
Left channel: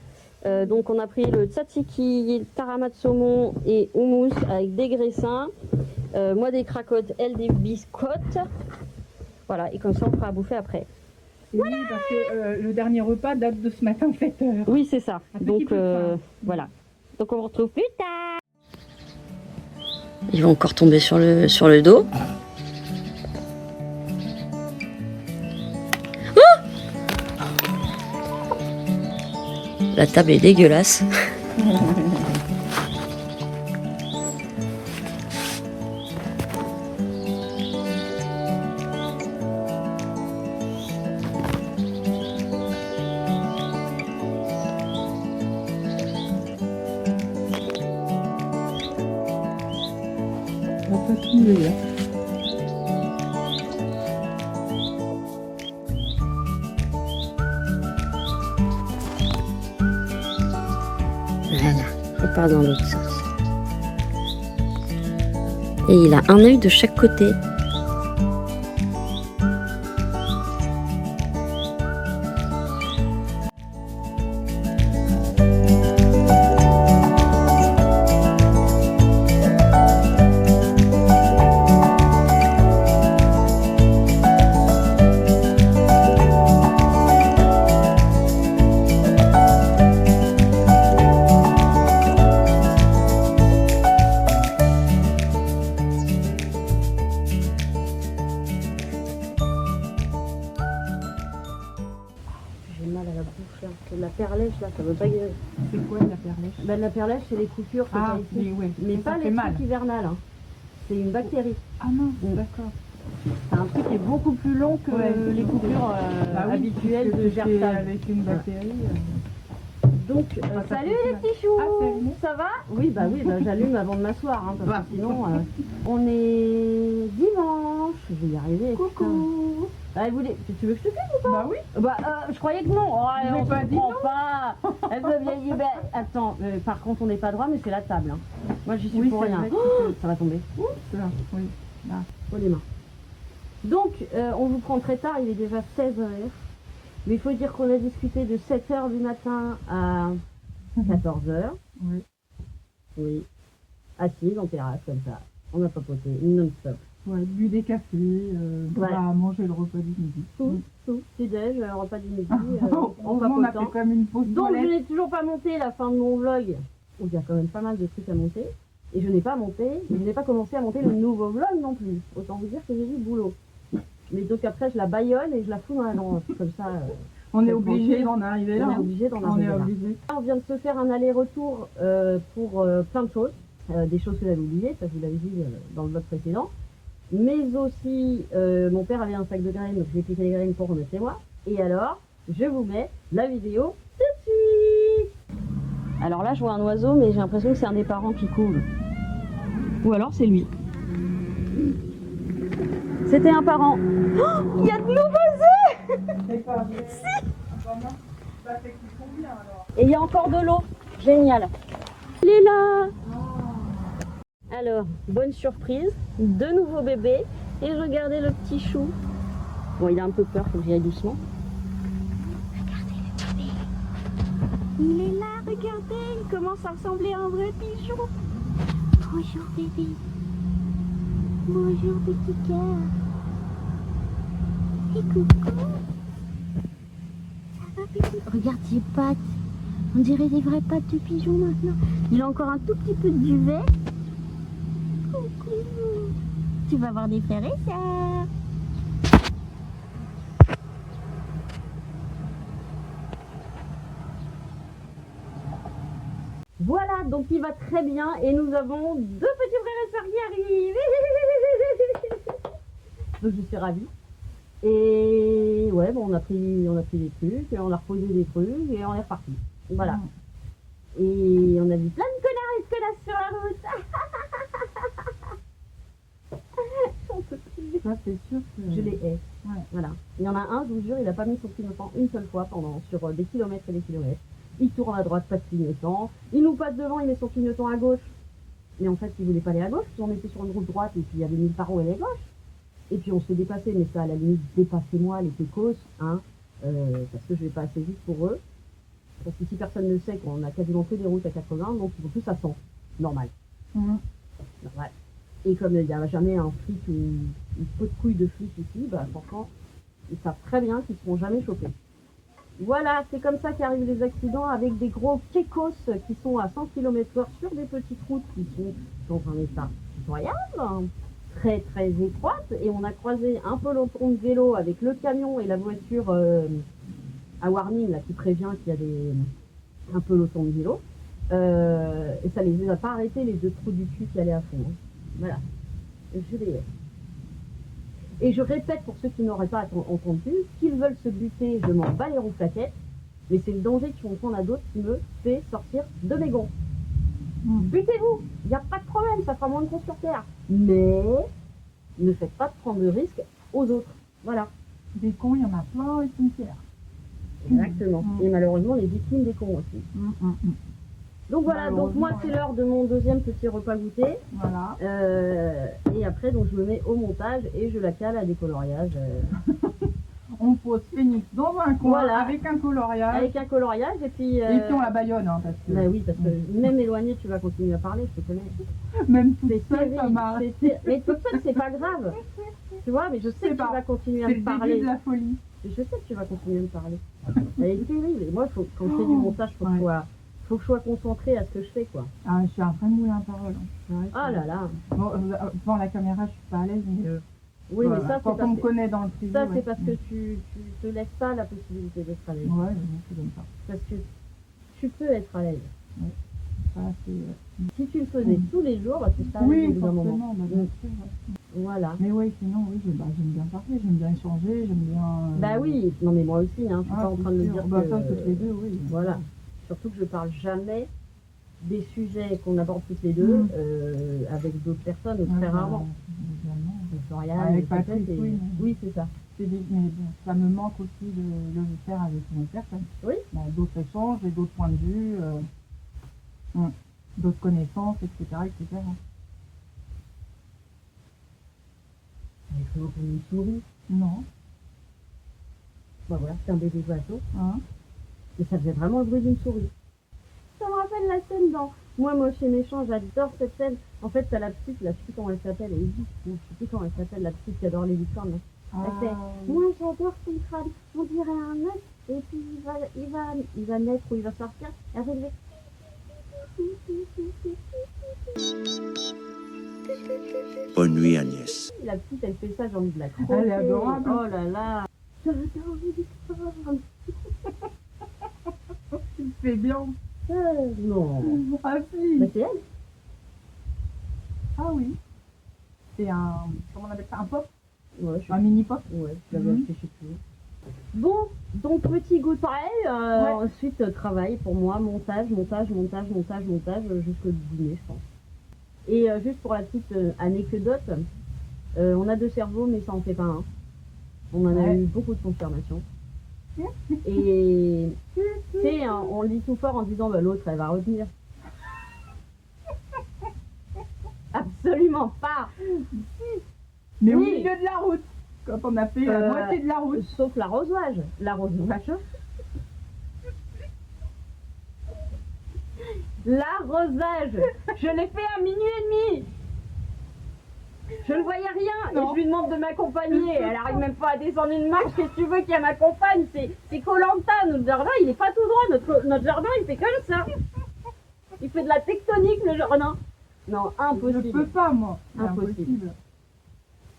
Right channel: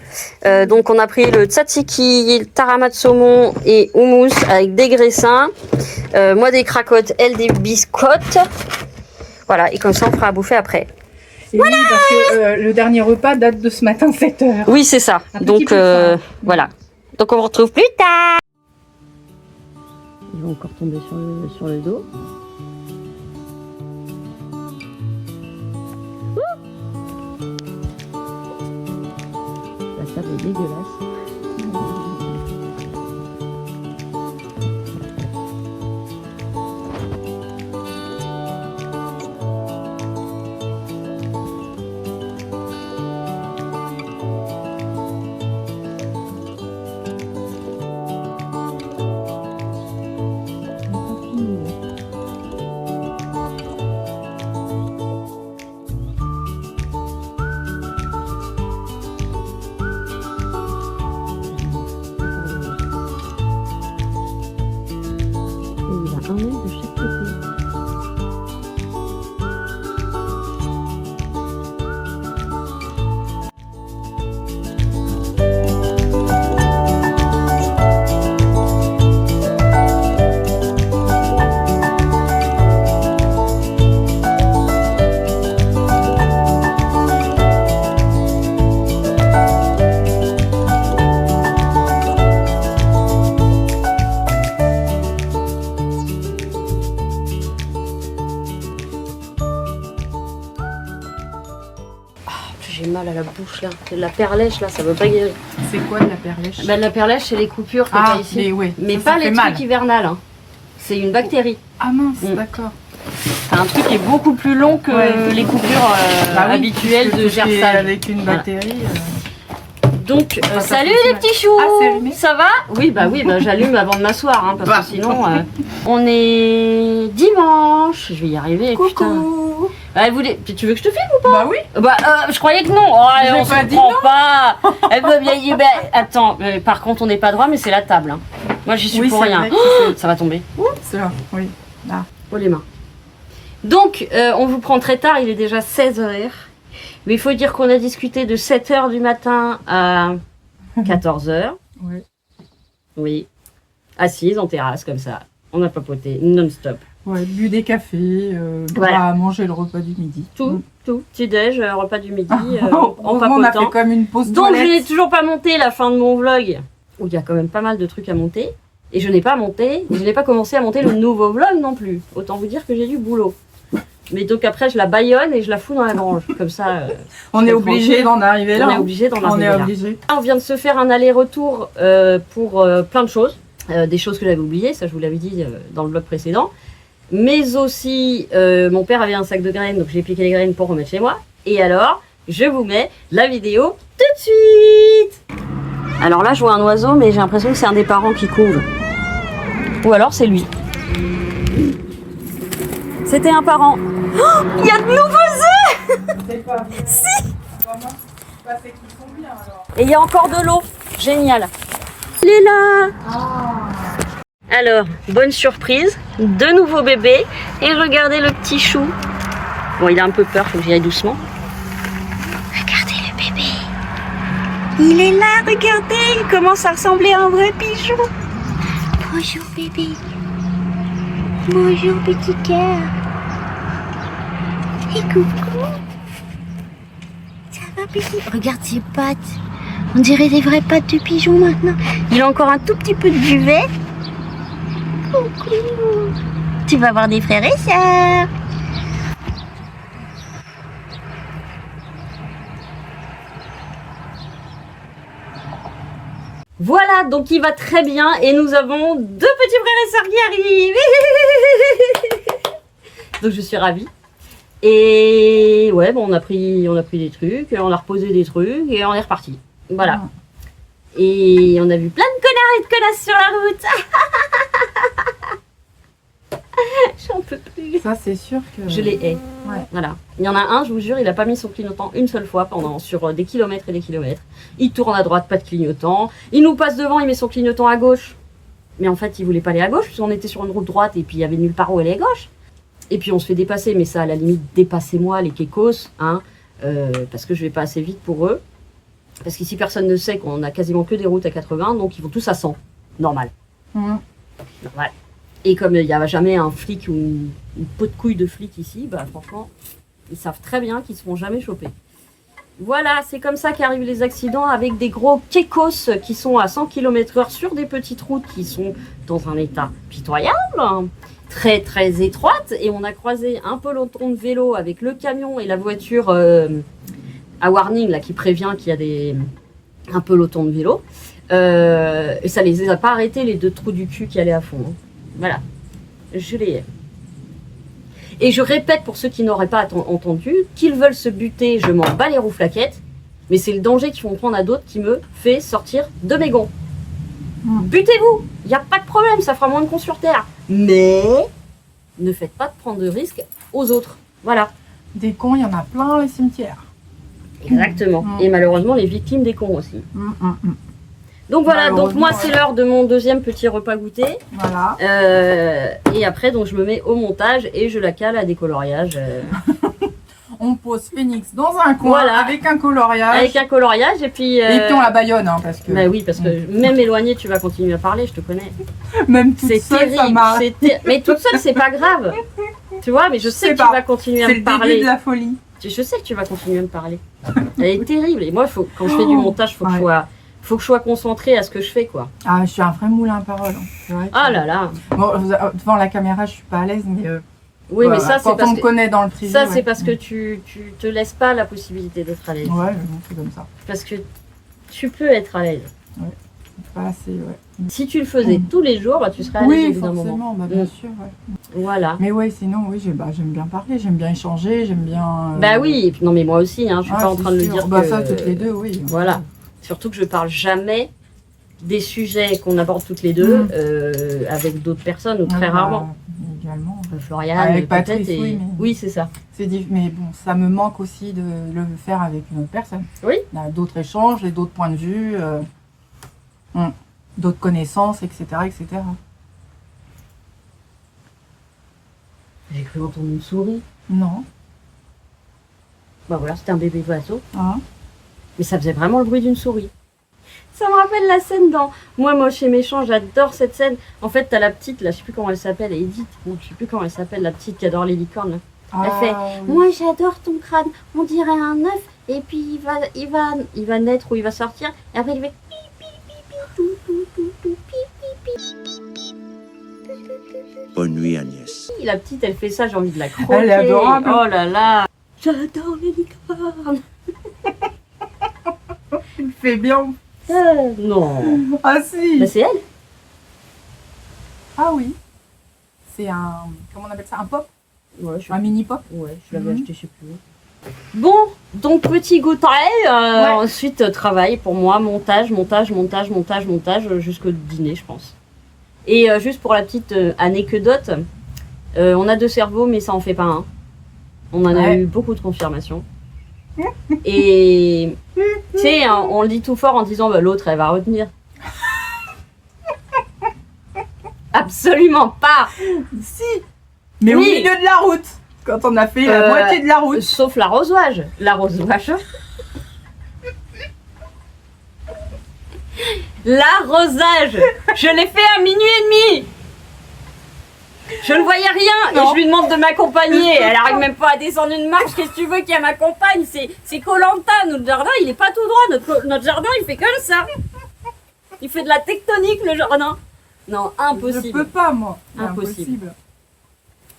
Donc on a pris le tzatziki, le tarama de saumon et houmous avec des graissins. Moi des cracottes, elle des biscottes. Voilà, et comme ça on fera à bouffer après. Voilà. Oui, parce que le dernier repas date de ce matin 7h. Oui, c'est ça. Un petit Donc peu faim. voilà. Donc on vous retrouve plus tard. Ils vont encore tomber sur le dos. La table est dégueulasse. Voilà, on part dans l'autre sens. Et il a un œil de chaque côté. J'ai mal à la bouche là. La perlèche là, ça veut pas guérir. C'est quoi de la perlèche? Bah, la perlèche, c'est les coupures que Ah, t'as ici. mais ouais. Mais ça pas fait les mal. trucs hivernales. Hein. C'est une bactérie. Ah mince, Mm. d'accord. C'est un truc qui est beaucoup plus long que Ouais. les coupures Bah oui, habituelles puisque de tout ce qui est gerçage. avec une Voilà. bactérie. Donc, ça salut fait les mal. petits choux. Ah, c'est allumé? Ça va? Oui, bah j'allume avant de m'asseoir, hein, parce Bah. que sinon, on est dimanche. Je vais y arriver, putain. Coucou. Tu veux que je te filme ou pas? Bah oui. Bah, je croyais que non. Oh, J'ai on pas se dit prend non. pas. Elle veut bien y... bah, attends, par contre, on n'est pas droit, mais c'est la table. Hein. Moi, j'y suis Oui, pour c'est rien. vrai que Oh, ça va tomber. C'est là, oui. Là. Oh les mains. Donc, on vous prend très tard, il est déjà 16h. Mais il faut dire qu'on a discuté de 7h du matin à 14h. Oui. Oui. Assise en terrasse, comme ça. On a papoté non-stop. Ouais, bu des cafés, Voilà. manger le repas du midi. Tout. Tout. Petit-déj, repas du midi, en On a fait papotant. comme une pause Donc je n'ai toilette. toujours pas monté la fin de mon vlog, où il y a quand même pas mal de trucs à monter. Et je n'ai pas monté, je n'ai pas commencé à monter le nouveau vlog non plus. Autant vous dire que j'ai du boulot. Mais donc après je la baïonne et je la fous dans la grange. Comme ça, On est obligé d'en arriver là. on est obligé d'en On arriver est là. obligé. On vient de se faire un aller-retour pour plein de choses. Des choses que j'avais oubliées, ça je vous l'avais dit dans le vlog précédent. Mais aussi, mon père avait un sac de graines, donc j'ai piqué les graines pour remettre chez moi. Et alors, je vous mets la vidéo tout de suite. Alors là, je vois un oiseau, mais j'ai l'impression que c'est un des parents qui couve. Ou alors c'est lui. C'était un parent. Oh, il y a de nouveaux œufs. C'est pas bien. Si. Comment bah, c'est qu'ils sont bien alors. Et il y a encore de l'eau. Génial. Il est là. Alors, bonne surprise. De nouveaux bébés. Et regardez le petit chou. Bon, il a un peu peur, faut que j'y aille doucement. Regardez le bébé. Il est là, regardez. Il commence à ressembler à un vrai pigeon. Bonjour bébé. Bonjour petit cœur. Et coucou. Ça va petit? Regarde ses pattes. On dirait des vraies pattes de pigeon maintenant. Il a encore un tout petit peu de duvet. Coucou. Tu vas avoir des frères et sœurs. Voilà, donc il va très bien et nous avons 2 petits frères et sœurs qui arrivent. Donc je suis ravie. Et ouais, bon, on a pris des trucs, on a reposé des trucs et on est reparti. Voilà. Et on a vu plein de connards et de connasses sur la route. J'en peux plus. Ça c'est sûr que. Je les hais. Ouais. Voilà. Il y en a un, je vous jure, il n'a pas mis son clignotant une seule fois sur des kilomètres et des kilomètres. Il tourne à droite, pas de clignotant. Il nous passe devant, il met son clignotant à gauche. Mais en fait, il voulait pas aller à gauche, puisqu'on était sur une route droite et puis il y avait nulle part où aller à gauche. Et puis on se fait dépasser, mais ça, à la limite, dépassez-moi les kékos, hein, parce que je vais pas assez vite pour eux. Parce qu'ici, personne ne sait qu'on a quasiment que des routes à 80, donc ils vont tous à 100. Normal. Normal. Et comme il n'y a jamais un flic ou une peau de couille de flic ici, bah franchement, ils savent très bien qu'ils ne se font jamais choper. Voilà, c'est comme ça qu'arrivent les accidents avec des gros kékos qui sont à 100 km/h sur des petites routes qui sont dans un état pitoyable, hein, très très étroite. Et on a croisé un peloton de vélo avec le camion et la voiture à warning là, qui prévient qu'il y a un peloton de vélo. Et ça les a pas arrêtés, les 2 trous du cul qui allaient à fond. Hein. Voilà, je les hais. Et je répète pour ceux qui n'auraient pas entendu, qu'ils veulent se buter, je m'en bats les rouflaquettes, mais c'est le danger qu'ils vont prendre à d'autres qui me fait sortir de mes gonds. Butez-vous, il n'y a pas de problème, ça fera moins de cons sur terre. Mais ne faites pas de prendre de risques aux autres. Voilà. Des cons, il y en a plein les cimetières. Exactement. Et malheureusement, les victimes des cons aussi. Donc voilà, donc moi c'est l'heure de mon 2e petit repas goûter. Voilà. Et après donc je me mets au montage et je la cale à des coloriages. On pose Phoenix dans un coin Voilà. avec un coloriage. Avec un coloriage et puis... Et puis on la baïonne hein, parce que. Bah oui, parce que même éloigné tu vas continuer à parler, je te connais. Même toute C'est seule, ça terrible, marche. mais toute seule c'est pas grave. Tu vois, mais je sais que tu vas continuer à C'est me le début parler. de la folie. Je sais que tu vas continuer à me parler. Elle est terrible. Et moi, quand je fais du montage, faut que je sois concentrée à ce que je fais, quoi. Ah, je suis un vrai moulin à parole. Hein. C'est vrai que- Ah là là. Bon, devant la caméra, je suis pas à l'aise, mais. Oui, voilà, mais ça, c'est quand parce on me que... connaît dans le privé. Ça, ouais. c'est parce que tu te laisses pas la possibilité d'être à l'aise. Ouais, mais bon, c'est comme ça. Parce que tu peux être à l'aise. Pas assez, ouais. Si tu le faisais tous les jours, bah, tu serais à l'aise Oui, au bout d'un moment. forcément, bah, bien sûr. Ouais. Voilà. Mais ouais, sinon, oui, j'aime bien parler, j'aime bien échanger, j'aime bien. Bah oui, et puis, non mais moi aussi, hein, je suis Ah, pas en c'est train de le sûr. dire Bah que... ça, toutes les deux, oui. Voilà. Surtout que je parle jamais des sujets qu'on aborde toutes les deux avec d'autres personnes, ou très rarement. Également. Floriane, Avec peut-être, Patrice, et... oui, mais- Oui, c'est ça. Mais bon, ça me manque aussi de le faire avec une autre personne. Oui. Il y a d'autres échanges, et d'autres points de vue, d'autres connaissances, etc., etc. J'ai cru entendre une souris. Non. Bah voilà, c'était un bébé oiseau. Hein? Mais ça faisait vraiment le bruit d'une souris. Ça me rappelle la scène dans Moi moche et méchant, j'adore cette scène. En fait, t'as la petite, là, je sais plus comment elle s'appelle, Edith. Bon, je sais plus comment elle s'appelle, la petite qui adore les licornes. Là. Elle fait oui. moi j'adore ton crâne, on dirait un œuf et puis il va naître ou il va sortir et après il fait Bonne nuit, Agnès. la petite elle fait ça, j'ai envie de la croquer. Elle est adorable. Oh là là. J'adore les licornes. Il fait bien. Non. Ah si. Bah, c'est elle. Ah oui. C'est un... Comment on appelle ça? Un pop? Ouais, je Un mini pop? Ouais, je l'avais Mhm. acheté, je sais plus. Bon, donc petit goûter, ensuite travail pour moi, montage jusqu'au dîner, je pense. Et juste pour la petite anecdote, on a 2 cerveaux, mais ça en fait pas un. On en a Ouais. eu beaucoup de confirmations. Et tu sais, on le dit tout fort en disant bah, l'autre elle va retenir. Absolument pas. Si. Mais au Oui. milieu de la route. Quand on a fait la moitié de la route. Sauf l'arrosage. L'arrosage. L'arrosage. Je l'ai fait à minuit et demi. Je ne voyais rien Non. et je lui demande de m'accompagner. Elle arrive même pas à descendre une marche. Qu'est-ce que tu veux qu'elle m'accompagne? C'est Koh-Lanta. Notre jardin, il est pas tout droit. Notre jardin, il fait comme ça. Il fait de la tectonique, le jardin. Non, Je impossible. peux pas, moi. Impossible.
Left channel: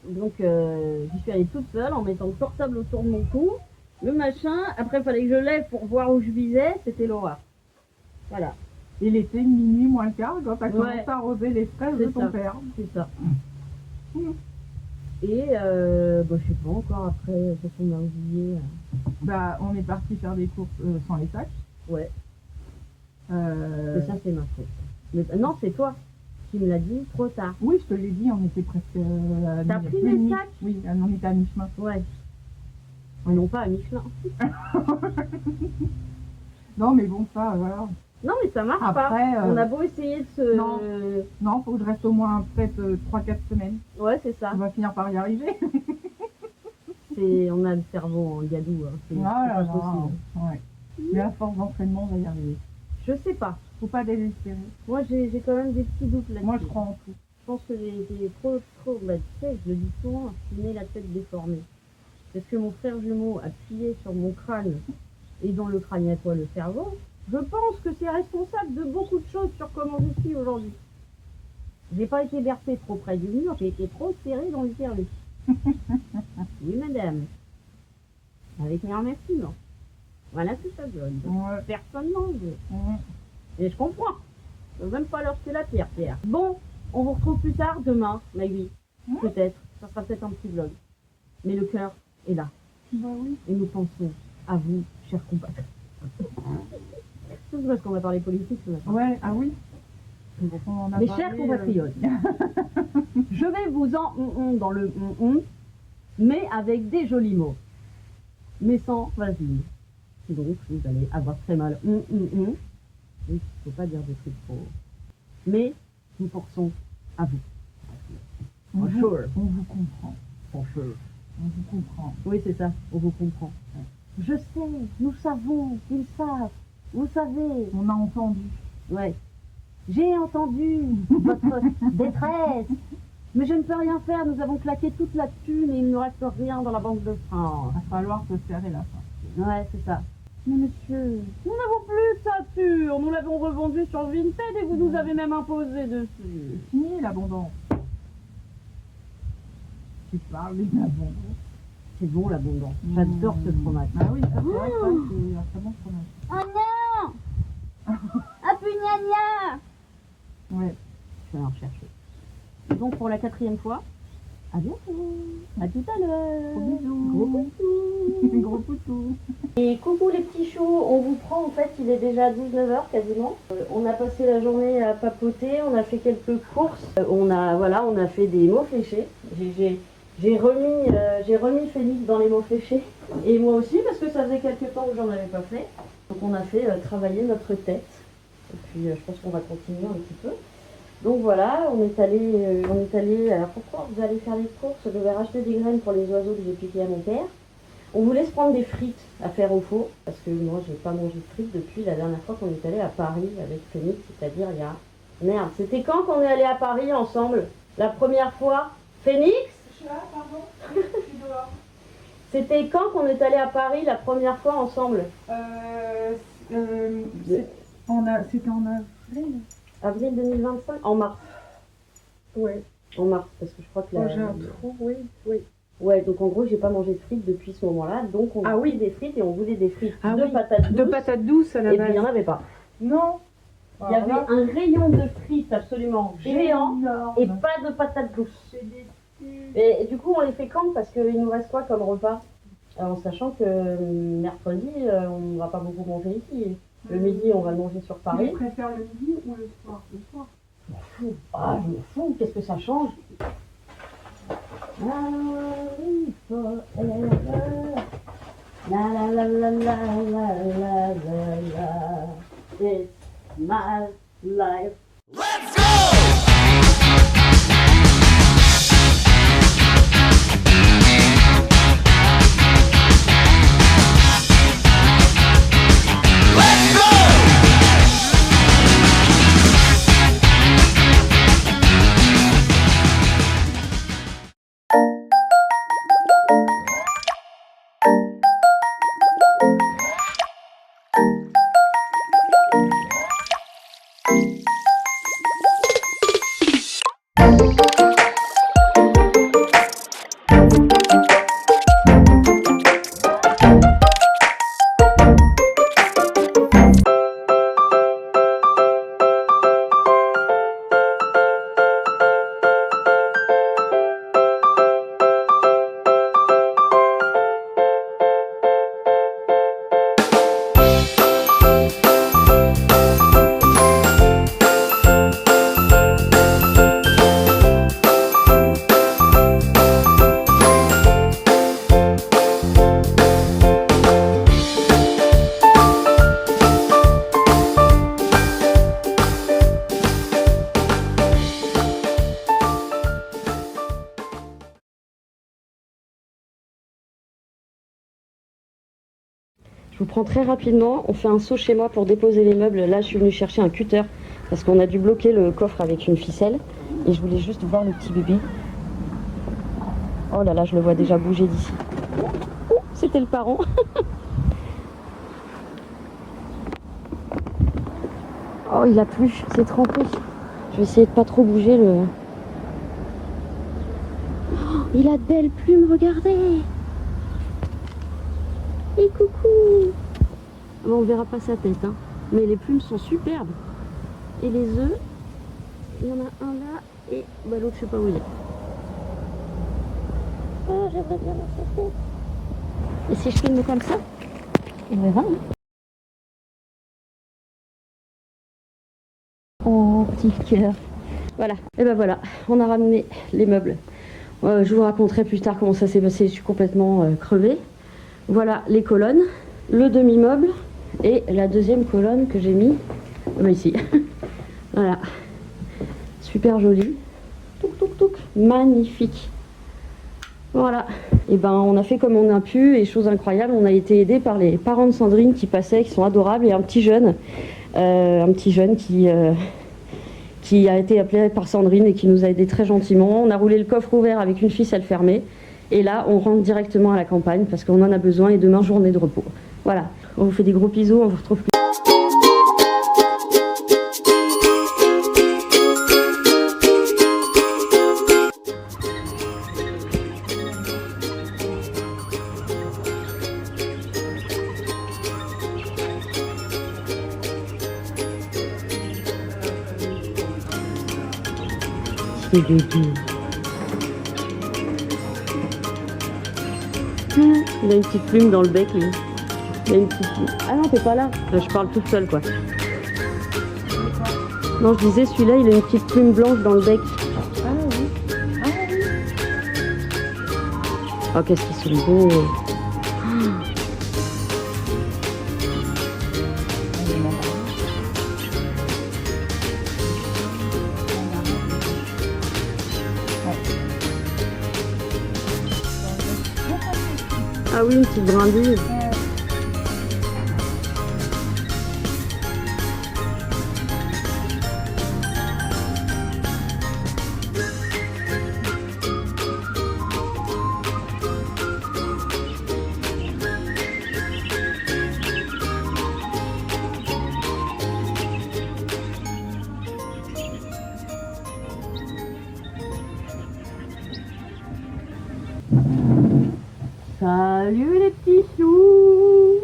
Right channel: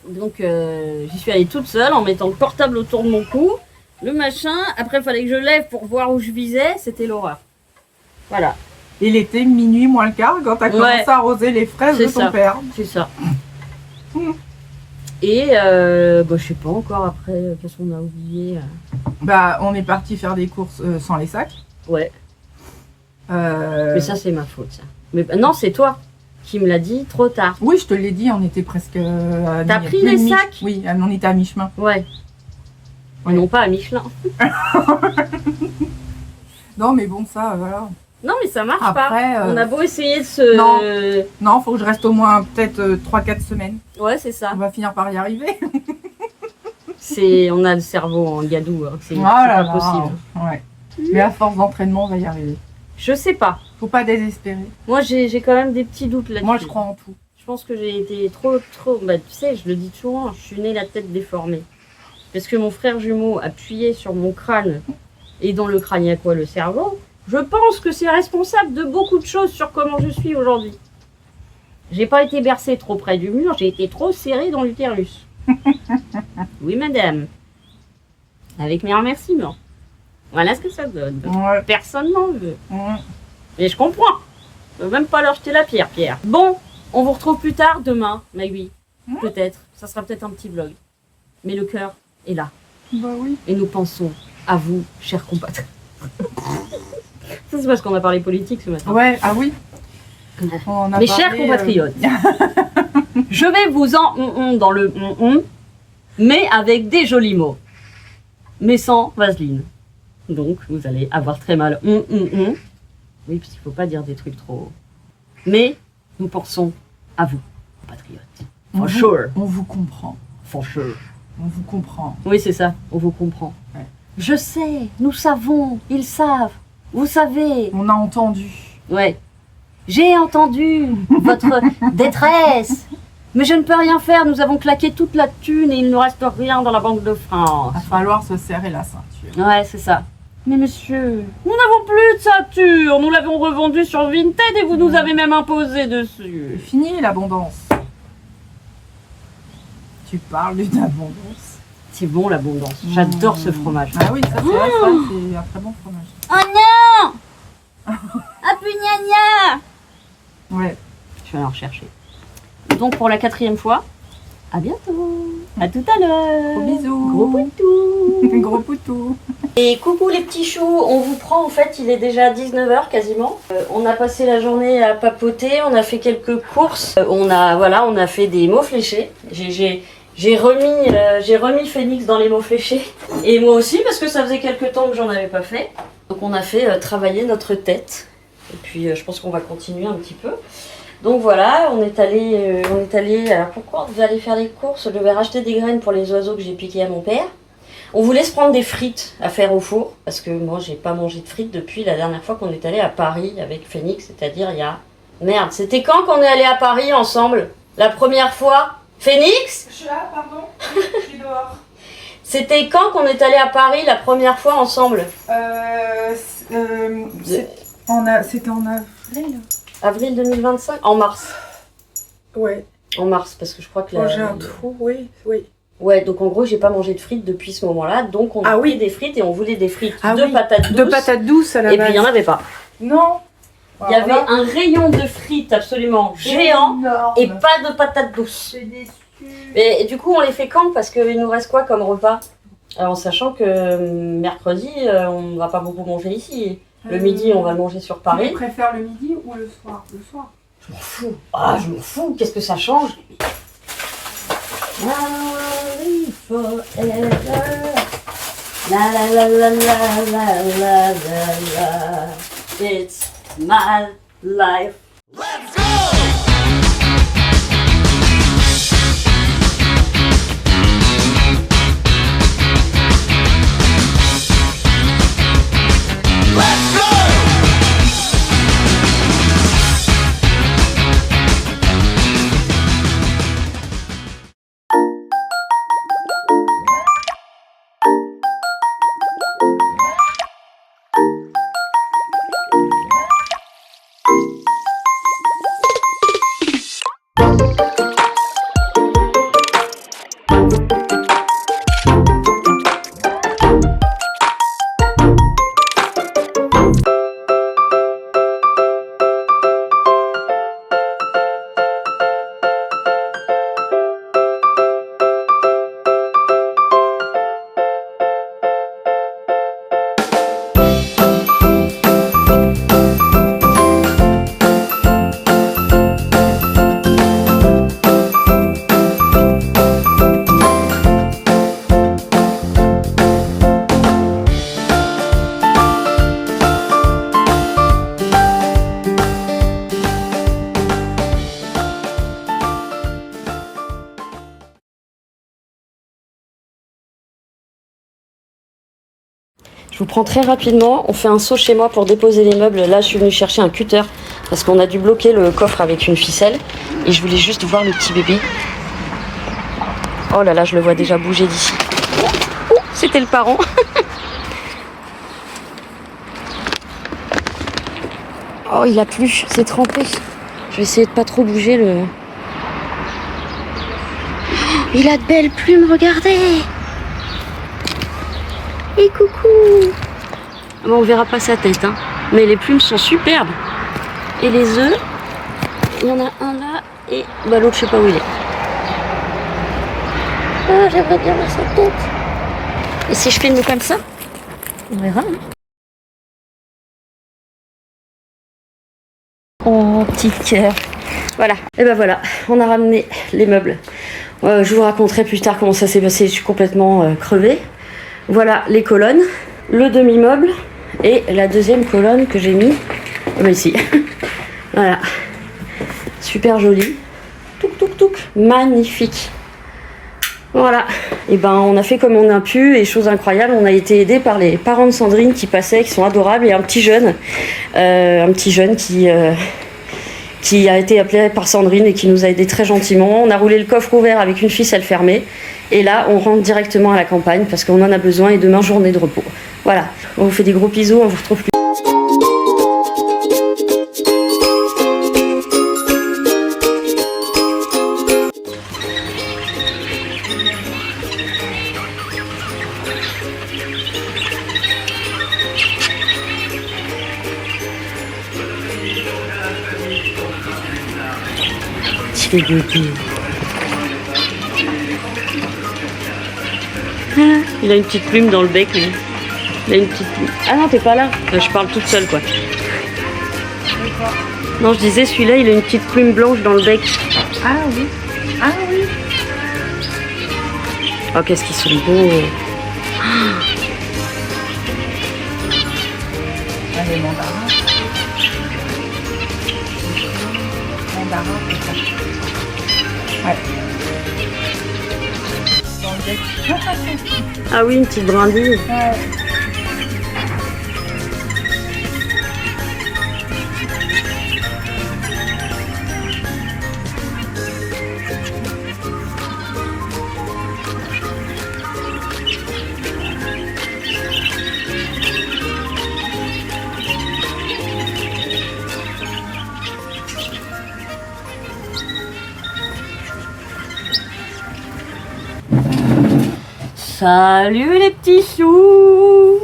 Donc j'y suis allée toute seule en mettant le portable autour de mon cou, le machin. Après, il fallait que je lève pour voir où je visais. C'était l'horreur. Voilà, Il était minuit moins le quart quand t'as Ouais. commencé à arroser les fraises de C'est ton ça. père. c'est ça. Et je sais pas encore après, qu'est-ce qu'on a oublié. Bah, on est parti faire des courses sans les sacs. Ouais, Euh, mais ça c'est ma faute. Ça. Mais non, c'est toi qui me l'as dit trop tard. Oui, je te l'ai dit, on était presque à T'as mi- pris plus les de mi- sacs? Oui, on était à mi-chemin. Ouais. Ouais. Non pas à Michelin. Non, mais bon, ça, voilà. Non mais ça marche pas. Après, On a beau essayer de se... non, faut que je reste au moins peut-être 3-4 semaines. Ouais, c'est ça. On va finir par y arriver. On a le cerveau en gadou. Hein. C'est Voilà, pas possible. Ouais. Mais à force d'entraînement, on va y arriver. Je sais pas. Faut pas désespérer. Moi, j'ai quand même des petits doutes là-dessus. Moi, je crois en tout. Je pense que j'ai été trop... Bah, tu sais, je le dis souvent, je suis née la tête déformée. Parce que mon frère jumeau appuyait sur mon crâne, et dans le crâne, il y a quoi? Le cerveau. Je pense que c'est responsable de beaucoup de choses sur comment je suis aujourd'hui. J'ai pas été bercée trop près du mur, j'ai été trop serrée dans l'utérus. Oui, madame. Avec mes remerciements. Voilà ce que ça donne. Ouais. Personne n'en veut. Ouais. Mais je comprends. Je peux même pas leur jeter la pierre, Pierre. Bon, on vous retrouve plus tard, demain, Magui. Peut-être. Ça sera peut-être un petit vlog. Mais le cœur est là. Bah oui. Et nous pensons à vous, chers compatriotes. Ça, c'est parce qu'on a parlé politique ce matin. Ouais, ah oui. On a Mes parlé, chers compatriotes, je vais vous en dans le mais avec des jolis mots. Mais sans vaseline. Donc, vous allez avoir très mal. Oui, parce qu'il ne faut pas dire des trucs trop. Mais nous pensons à vous, compatriotes. On For vous- sure. On vous comprend. For sure. On vous comprend. Oui, c'est ça. On vous comprend. Ouais. Je sais, nous savons, ils savent. Vous savez. On a entendu. Ouais. J'ai entendu votre détresse. Mais je ne peux rien faire. Nous avons claqué toute la thune et il ne reste rien dans la Banque de France. Va falloir se serrer la ceinture. Ouais, c'est ça. Mais monsieur, nous n'avons plus de ceinture. Nous l'avons revendue sur Vinted et vous nous avez même imposé C'est dessus. fini l'abondance. Tu parles d'une abondance. C'est bon l'abondance. J'adore ce fromage. Ah oui, ça c'est vrai, ça, c'est un très bon fromage. Oh non. Ah pugnagna. Ouais. Je vais aller en rechercher. Donc pour la 4e fois, à bientôt. À tout à l'heure. Gros bisous. Gros poutou. Gros poutou. Et coucou les petits choux, on vous prend en fait, il est déjà 19h quasiment. On a passé la journée à papoter, on a fait quelques courses. On a fait des mots fléchés. J'ai remis Phoenix dans les mots fléchés. Et moi aussi parce que ça faisait quelques temps que j'en avais pas fait. Donc on a fait travailler notre tête. Et puis je pense qu'on va continuer un petit peu. Donc voilà, on est allé. Alors pourquoi vous allez faire les courses? Je vais racheter des graines pour les oiseaux que j'ai piqués à mon père. On voulait se prendre des frites à faire au four, parce que moi j'ai pas mangé de frites depuis la dernière fois qu'on est allé à Paris avec Phoenix, c'est-à-dire il y a... Merde, c'était quand qu'on est allé à Paris ensemble? La première fois? Phoenix? Je suis là, pardon. Je suis dehors. C'était quand qu'on est allé à Paris la première fois ensemble? C'était en avril. Avril 2025? En mars. Ouais. En mars, parce que je crois que J'ai un trou, oui. Ouais, donc en gros, j'ai pas mangé de frites depuis ce moment-là. Donc on a pris des frites et on voulait des frites de patates douces. De patates douces à la base. Et puis il n'y en avait pas. Non. Il y avait un rayon de frites absolument géant et pas de patates douces. Je suis déçue. Et du coup, on les fait quand? Parce qu'il nous reste quoi comme repas? En sachant que mercredi, on va pas beaucoup manger ici. Le midi, on va le manger sur Paris. Tu préfères le midi ou le soir? Le soir. Je m'en fous. Ah, je m'en fous. Qu'est-ce que ça change? Forever. La la la la la la la la. It's my life. Let's go! Je vous prends très rapidement, on fait un saut chez moi pour déposer les meubles. Là, je suis venue chercher un cutter parce qu'on a dû bloquer le coffre avec une ficelle. Et je voulais juste voir le petit bébé. Oh là là, je le vois déjà bouger d'ici. Oh, c'était le parent. Oh, il a plu, c'est trempé. Je vais essayer de pas trop bouger le... Oh, il a de belles plumes, regardez. Et coucou! Bon, on verra pas sa tête, hein. Mais les plumes sont superbes. Et les œufs, il y en a un là et bah, l'autre, je sais pas où il est. Ah, j'aimerais bien voir sa tête. Et si je filme comme ça, on verra. Hein. Oh, petit cœur. Voilà. Et ben voilà, on a ramené les meubles. Je vous raconterai plus tard comment ça s'est passé. Je suis complètement crevée. Voilà les colonnes, le demi-meuble et la deuxième colonne que j'ai mis ici. Voilà, super joli. Touc touc touc, magnifique. Voilà, et ben on a fait comme on a pu et chose incroyable, on a été aidé par les parents de Sandrine qui passaient, qui sont adorables et un petit jeune qui a été appelé par Sandrine et qui nous a aidé très gentiment. On a roulé le coffre ouvert avec une ficelle fermée. Et là, on rentre directement à la campagne parce qu'on en a besoin et demain, journée de repos. Voilà, on vous fait des gros bisous, on vous retrouve plus. Petit bébé. Il a une petite plume dans le bec, lui. Il a une petite plume. Ah non, t'es pas là. Je parle toute seule, quoi. Non, je disais, celui-là, il a une petite plume blanche dans le bec. Ah oui. Ah oui. Oh, qu'est-ce qu'ils sont beaux. Ah, les mandarins. Mandarins, ouais. Ah oui, une petite brindille. Ouais. Salut les petits choux!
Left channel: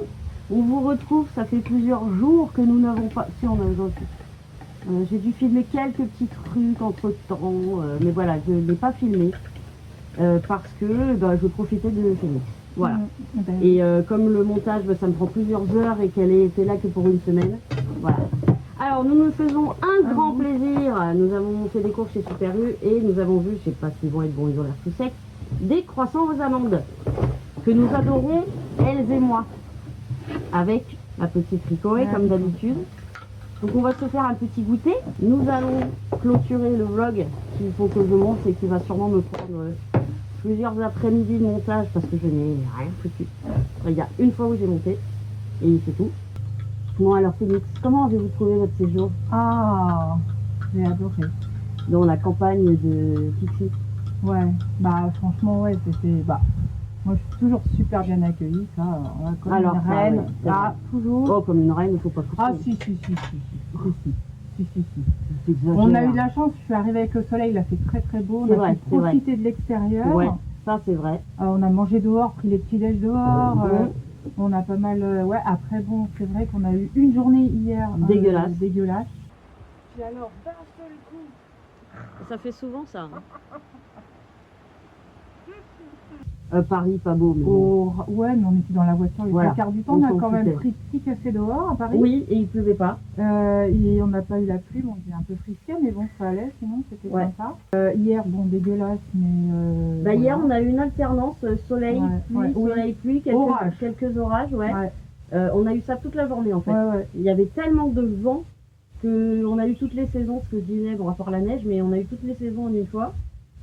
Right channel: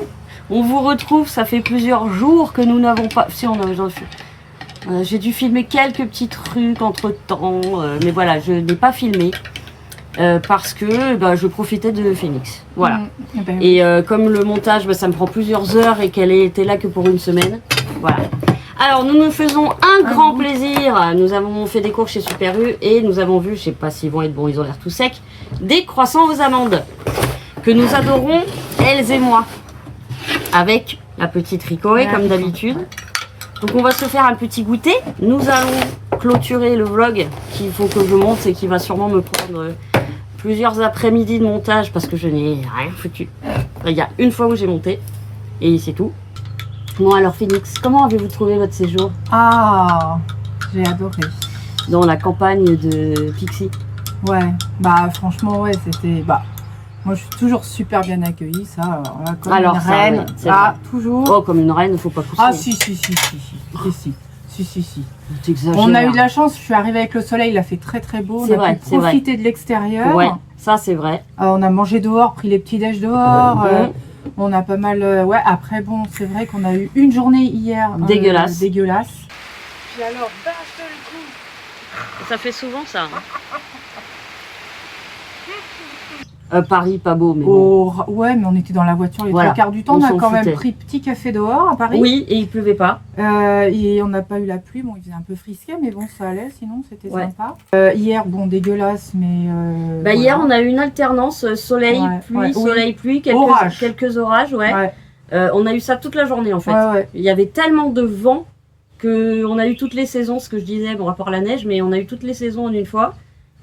On vous retrouve, ça fait plusieurs jours que nous n'avons pas... Si, on a... j'ai dû filmer quelques petits trucs entre temps, mais voilà, je n'ai pas filmé parce que je profitais de Phoenix. Voilà. Et comme le montage, ça me prend plusieurs heures et qu'elle était là que pour une semaine. Voilà. Alors, nous nous faisons un grand plaisir. Nous avons fait des courses chez Super U et nous avons vu, je sais pas s'ils vont être bons, ils ont l'air tout secs, des croissants aux amandes que nous adorons, elles et moi. Avec la petite Ricoé comme d'habitude. Donc on va se faire un petit goûter. Nous allons clôturer le vlog qu'il faut que je monte et qui va sûrement me prendre plusieurs après-midi de montage parce que je n'ai rien foutu. Il y a une fois où j'ai monté et c'est tout. Bon alors Phoenix, comment avez-vous trouvé votre séjour? Ah, j'ai adoré. Dans la campagne de Pixie? Ouais, franchement ouais, c'était... moi je suis toujours super bien accueillie, ça, comme une reine. Ouais, toujours. Oh, comme une reine, il faut pas pousser. Ah si. On a eu de la chance, je suis arrivée avec le soleil, il a fait très très beau, on a pu profiter de l'extérieur. Ouais, ça c'est vrai. On a mangé dehors, pris les petits déj dehors, on a pas mal... après bon, c'est vrai qu'on a eu une journée hier dégueulasse. Puis alors, d'un seul coup... Ça fait souvent ça. Paris, pas beau, mais bon. Ouais, mais on était dans la voiture les trois quarts du temps. On a quand même pris petit café dehors à Paris. Oui, et il pleuvait pas. Et on n'a pas eu la pluie. Bon, il faisait un peu frisqué, mais bon, ça allait. Sinon, c'était sympa. Hier, bon, dégueulasse, mais. Hier, on a eu une alternance soleil, pluie, soleil, pluie, quelques orages, on a eu ça toute la journée en fait. Il y avait tellement de vent qu'on a eu toutes les saisons, ce que je disais, bon, à part la neige, mais on a eu toutes les saisons en une fois.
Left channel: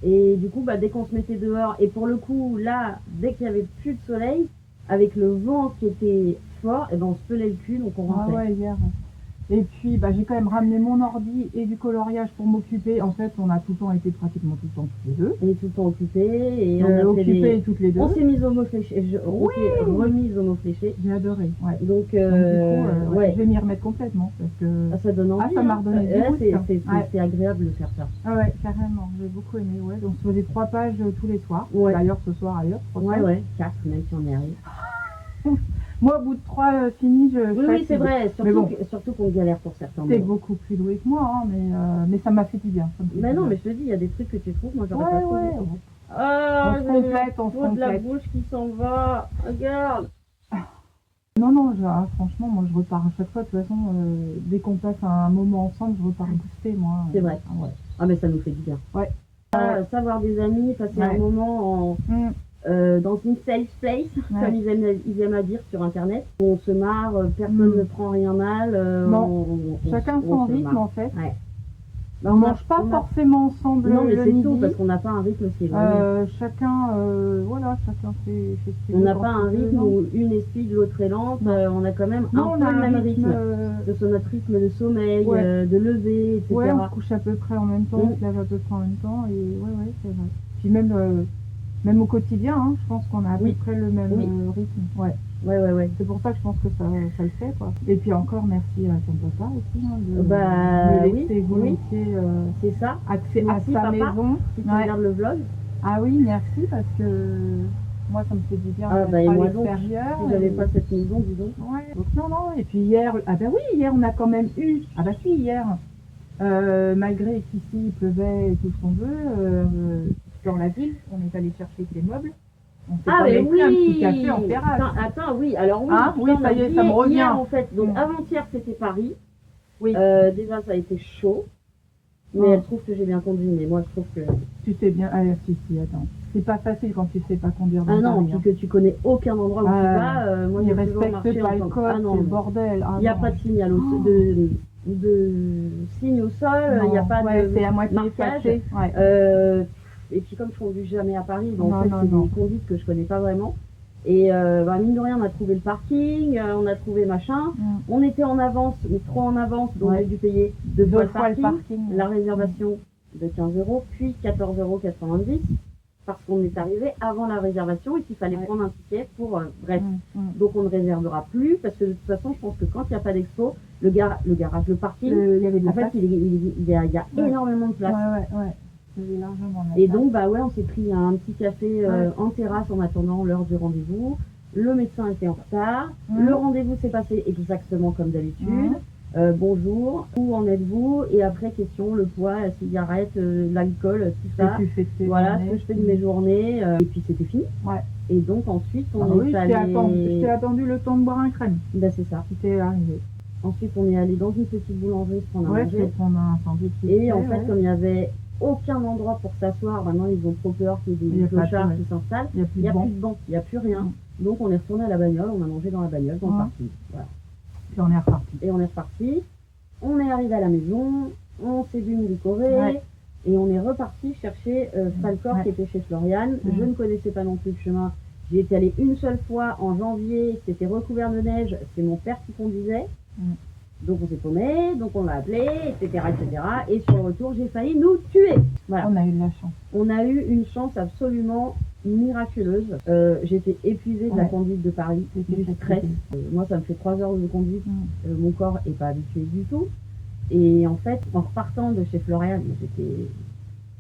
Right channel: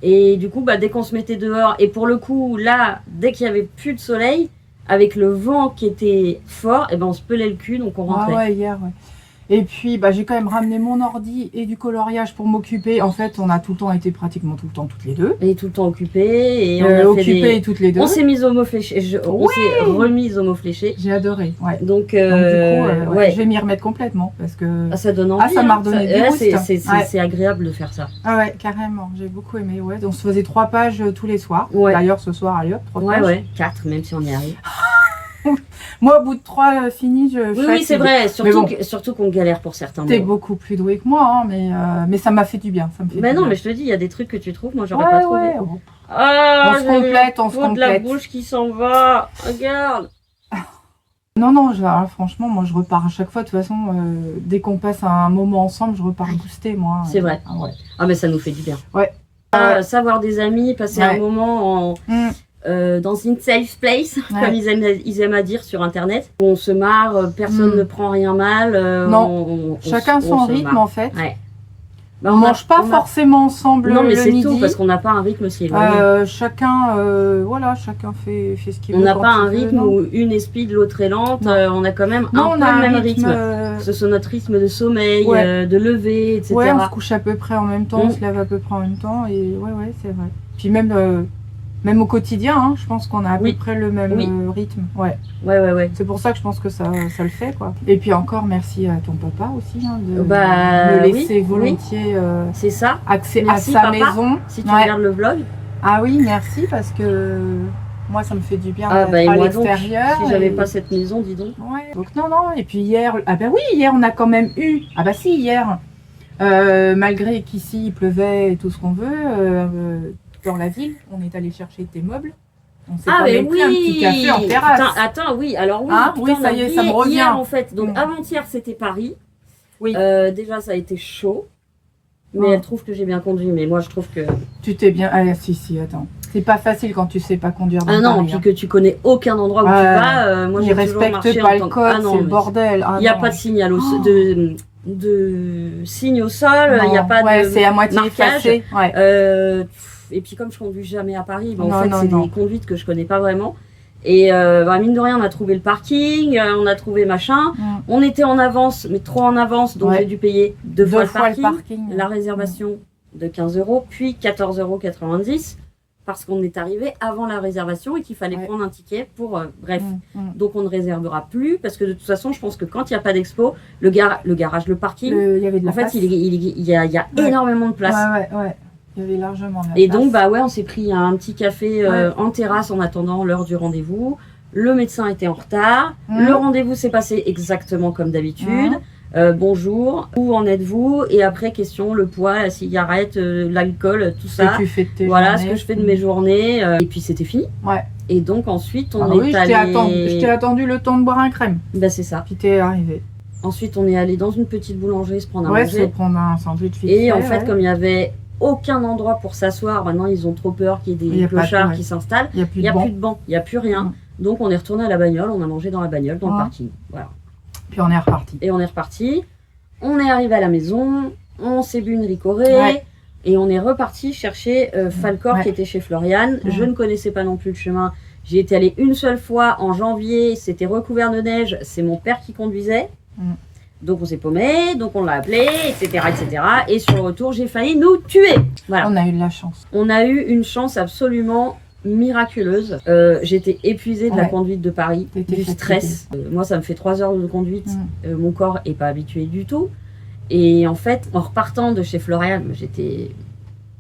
Et du coup, dès qu'on se mettait dehors, et pour le coup, là, dès qu'il n'y avait plus de soleil, avec le vent qui était fort, on se pelait le cul, donc on rentrait. Hier, Et puis, j'ai quand même ramené mon ordi et du coloriage pour m'occuper. En fait, on a tout le temps été pratiquement tout le temps toutes les deux. Et tout le temps occupées. Et toutes les deux. On s'est mis au mot fléché. On s'est remise au mot fléché. J'ai adoré, Donc, du coup, je vais m'y remettre complètement parce que... ça donne envie. Ça m'a redonné des boosts. C'est agréable de faire ça. Ah ouais, carrément. J'ai beaucoup aimé, On se faisait 3 pages tous les soirs. D'ailleurs, ce soir, allez hop, 3 pages. 4, même si on y arrive. Moi, au bout de 3 finis, je fatigue. Oui, c'est vrai, surtout qu'on galère pour certains. T'es beaucoup plus doué que moi, mais ça m'a fait du bien. Non, mais je te dis, il y a des trucs que tu trouves, moi j'aurais pas trouvé. On se complète, on se complète. De la bouche qui s'en va, regarde. Non, franchement, moi je repars à chaque fois. De toute façon, dès qu'on passe un moment ensemble, je repars boosté, moi. C'est vrai. Mais ça nous fait du bien. Savoir des amis, passer un moment dans une safe place, comme ils aiment à dire sur internet. On se marre, personne ne prend rien mal. Chacun son rythme en fait. On mange pas forcément ensemble non, mais le c'est midi. tout, parce qu'on n'a pas un rythme si éloigné. Chacun fait ce qu'il veut. On n'a pas un rythme où une est speed, l'autre est lente. On a quand même un peu le même rythme. Ce sont notre rythme de sommeil, de lever, etc. On se couche à peu près en même temps, on se lève à peu près en même temps. Et c'est vrai. Puis même au quotidien, je pense qu'on a à peu près le même rythme. Ouais. C'est pour ça que je pense que ça le fait, quoi. Et puis encore, merci à ton papa aussi de me laisser volontiers c'est ça. accès à sa maison. Si tu regardes le vlog. Ah oui, merci, parce que moi, ça me fait du bien d'être à l'extérieur. Si j'avais pas cette maison, dis donc. Donc non. Et puis hier, hier, on a quand même eu... hier, malgré qu'ici, il pleuvait et tout ce qu'on veut... dans la ville, on est allé chercher des meubles. On s'est quand même pris un petit café en terrasse. Alors ça y est, ça me revient. Hier, en fait, donc avant-hier c'était Paris. Oui. Déjà ça a été chaud. Mais elle trouve que j'ai bien conduit, mais moi je trouve que... Tu t'es bien... Ah si, attends. C'est pas facile quand tu sais pas conduire dans Paris. Puis que tu connais aucun endroit où tu vas. Moi, ils respectent pas le code, c'est le bordel. Il n'y a pas de signal de signe au sol, il n'y a pas de c'est à moitié effacé. Et puis comme je conduis jamais à Paris, en fait c'est des conduites que je connais pas vraiment. Et mine de rien, on a trouvé le parking, on a trouvé machin. On était en avance, mais trop en avance, donc j'ai dû payer deux fois le parking. La réservation de 15 €, puis 14,90 € parce qu'on est arrivé avant la réservation et qu'il fallait prendre un ticket pour... bref, donc on ne réservera plus parce que de toute façon, je pense que quand il n'y a pas d'expo, le garage, le parking, il y avait de la place. Il y a énormément de place. Il y avait largement la Et place. donc, bah ouais, on s'est pris un petit café en terrasse en attendant l'heure du rendez-vous. Le médecin était en retard. Le rendez-vous s'est passé exactement comme d'habitude. Bonjour, où en êtes-vous? Et après, question, le poids, la cigarette, l'alcool, tout ça. Ce que tu fais de tes Voilà journées. ce que je fais de mes journées. Et puis c'était fini. Ouais. Et donc ensuite, on Oui, est allé... je t'ai attendu le temps de boire un crème. Bah c'est ça. Puis t'es arrivé. Ensuite, on est allé dans une petite boulangerie se prendre à Ouais, se manger. prendre un sandwich vite Et en fait, fait, ouais. comme il n'y avait aucun endroit pour s'asseoir, maintenant ils ont trop peur qu'il y Il ait y des a pas de- clochards ouais. qui s'installent. Il n'y a plus Il n'y de a banc. plus de banc, il n'y a plus rien. Donc on est retourné à la bagnole, on a mangé dans la bagnole, dans le parking. Voilà. Puis on est reparti. Et on est reparti. On est arrivé à la maison, on s'est bu une ricorée. Ouais. Et on est reparti chercher Falcor Ouais. qui était chez Florian. Je ne connaissais pas non plus le chemin. J'y étais allée une seule fois en janvier, c'était recouvert de neige, c'est mon père qui conduisait. Donc on s'est paumé, donc on l'a appelé, etc., etc. Et sur le retour, j'ai failli nous tuer. Voilà. On a eu de la chance. On a eu une chance absolument miraculeuse. J'étais épuisée de la Ouais. conduite de Paris, T'étais du fatiguée. stress. Moi, ça me fait 3 heures de conduite. Mon corps est pas habitué du tout. Et en fait, en repartant de chez Florian, j'étais...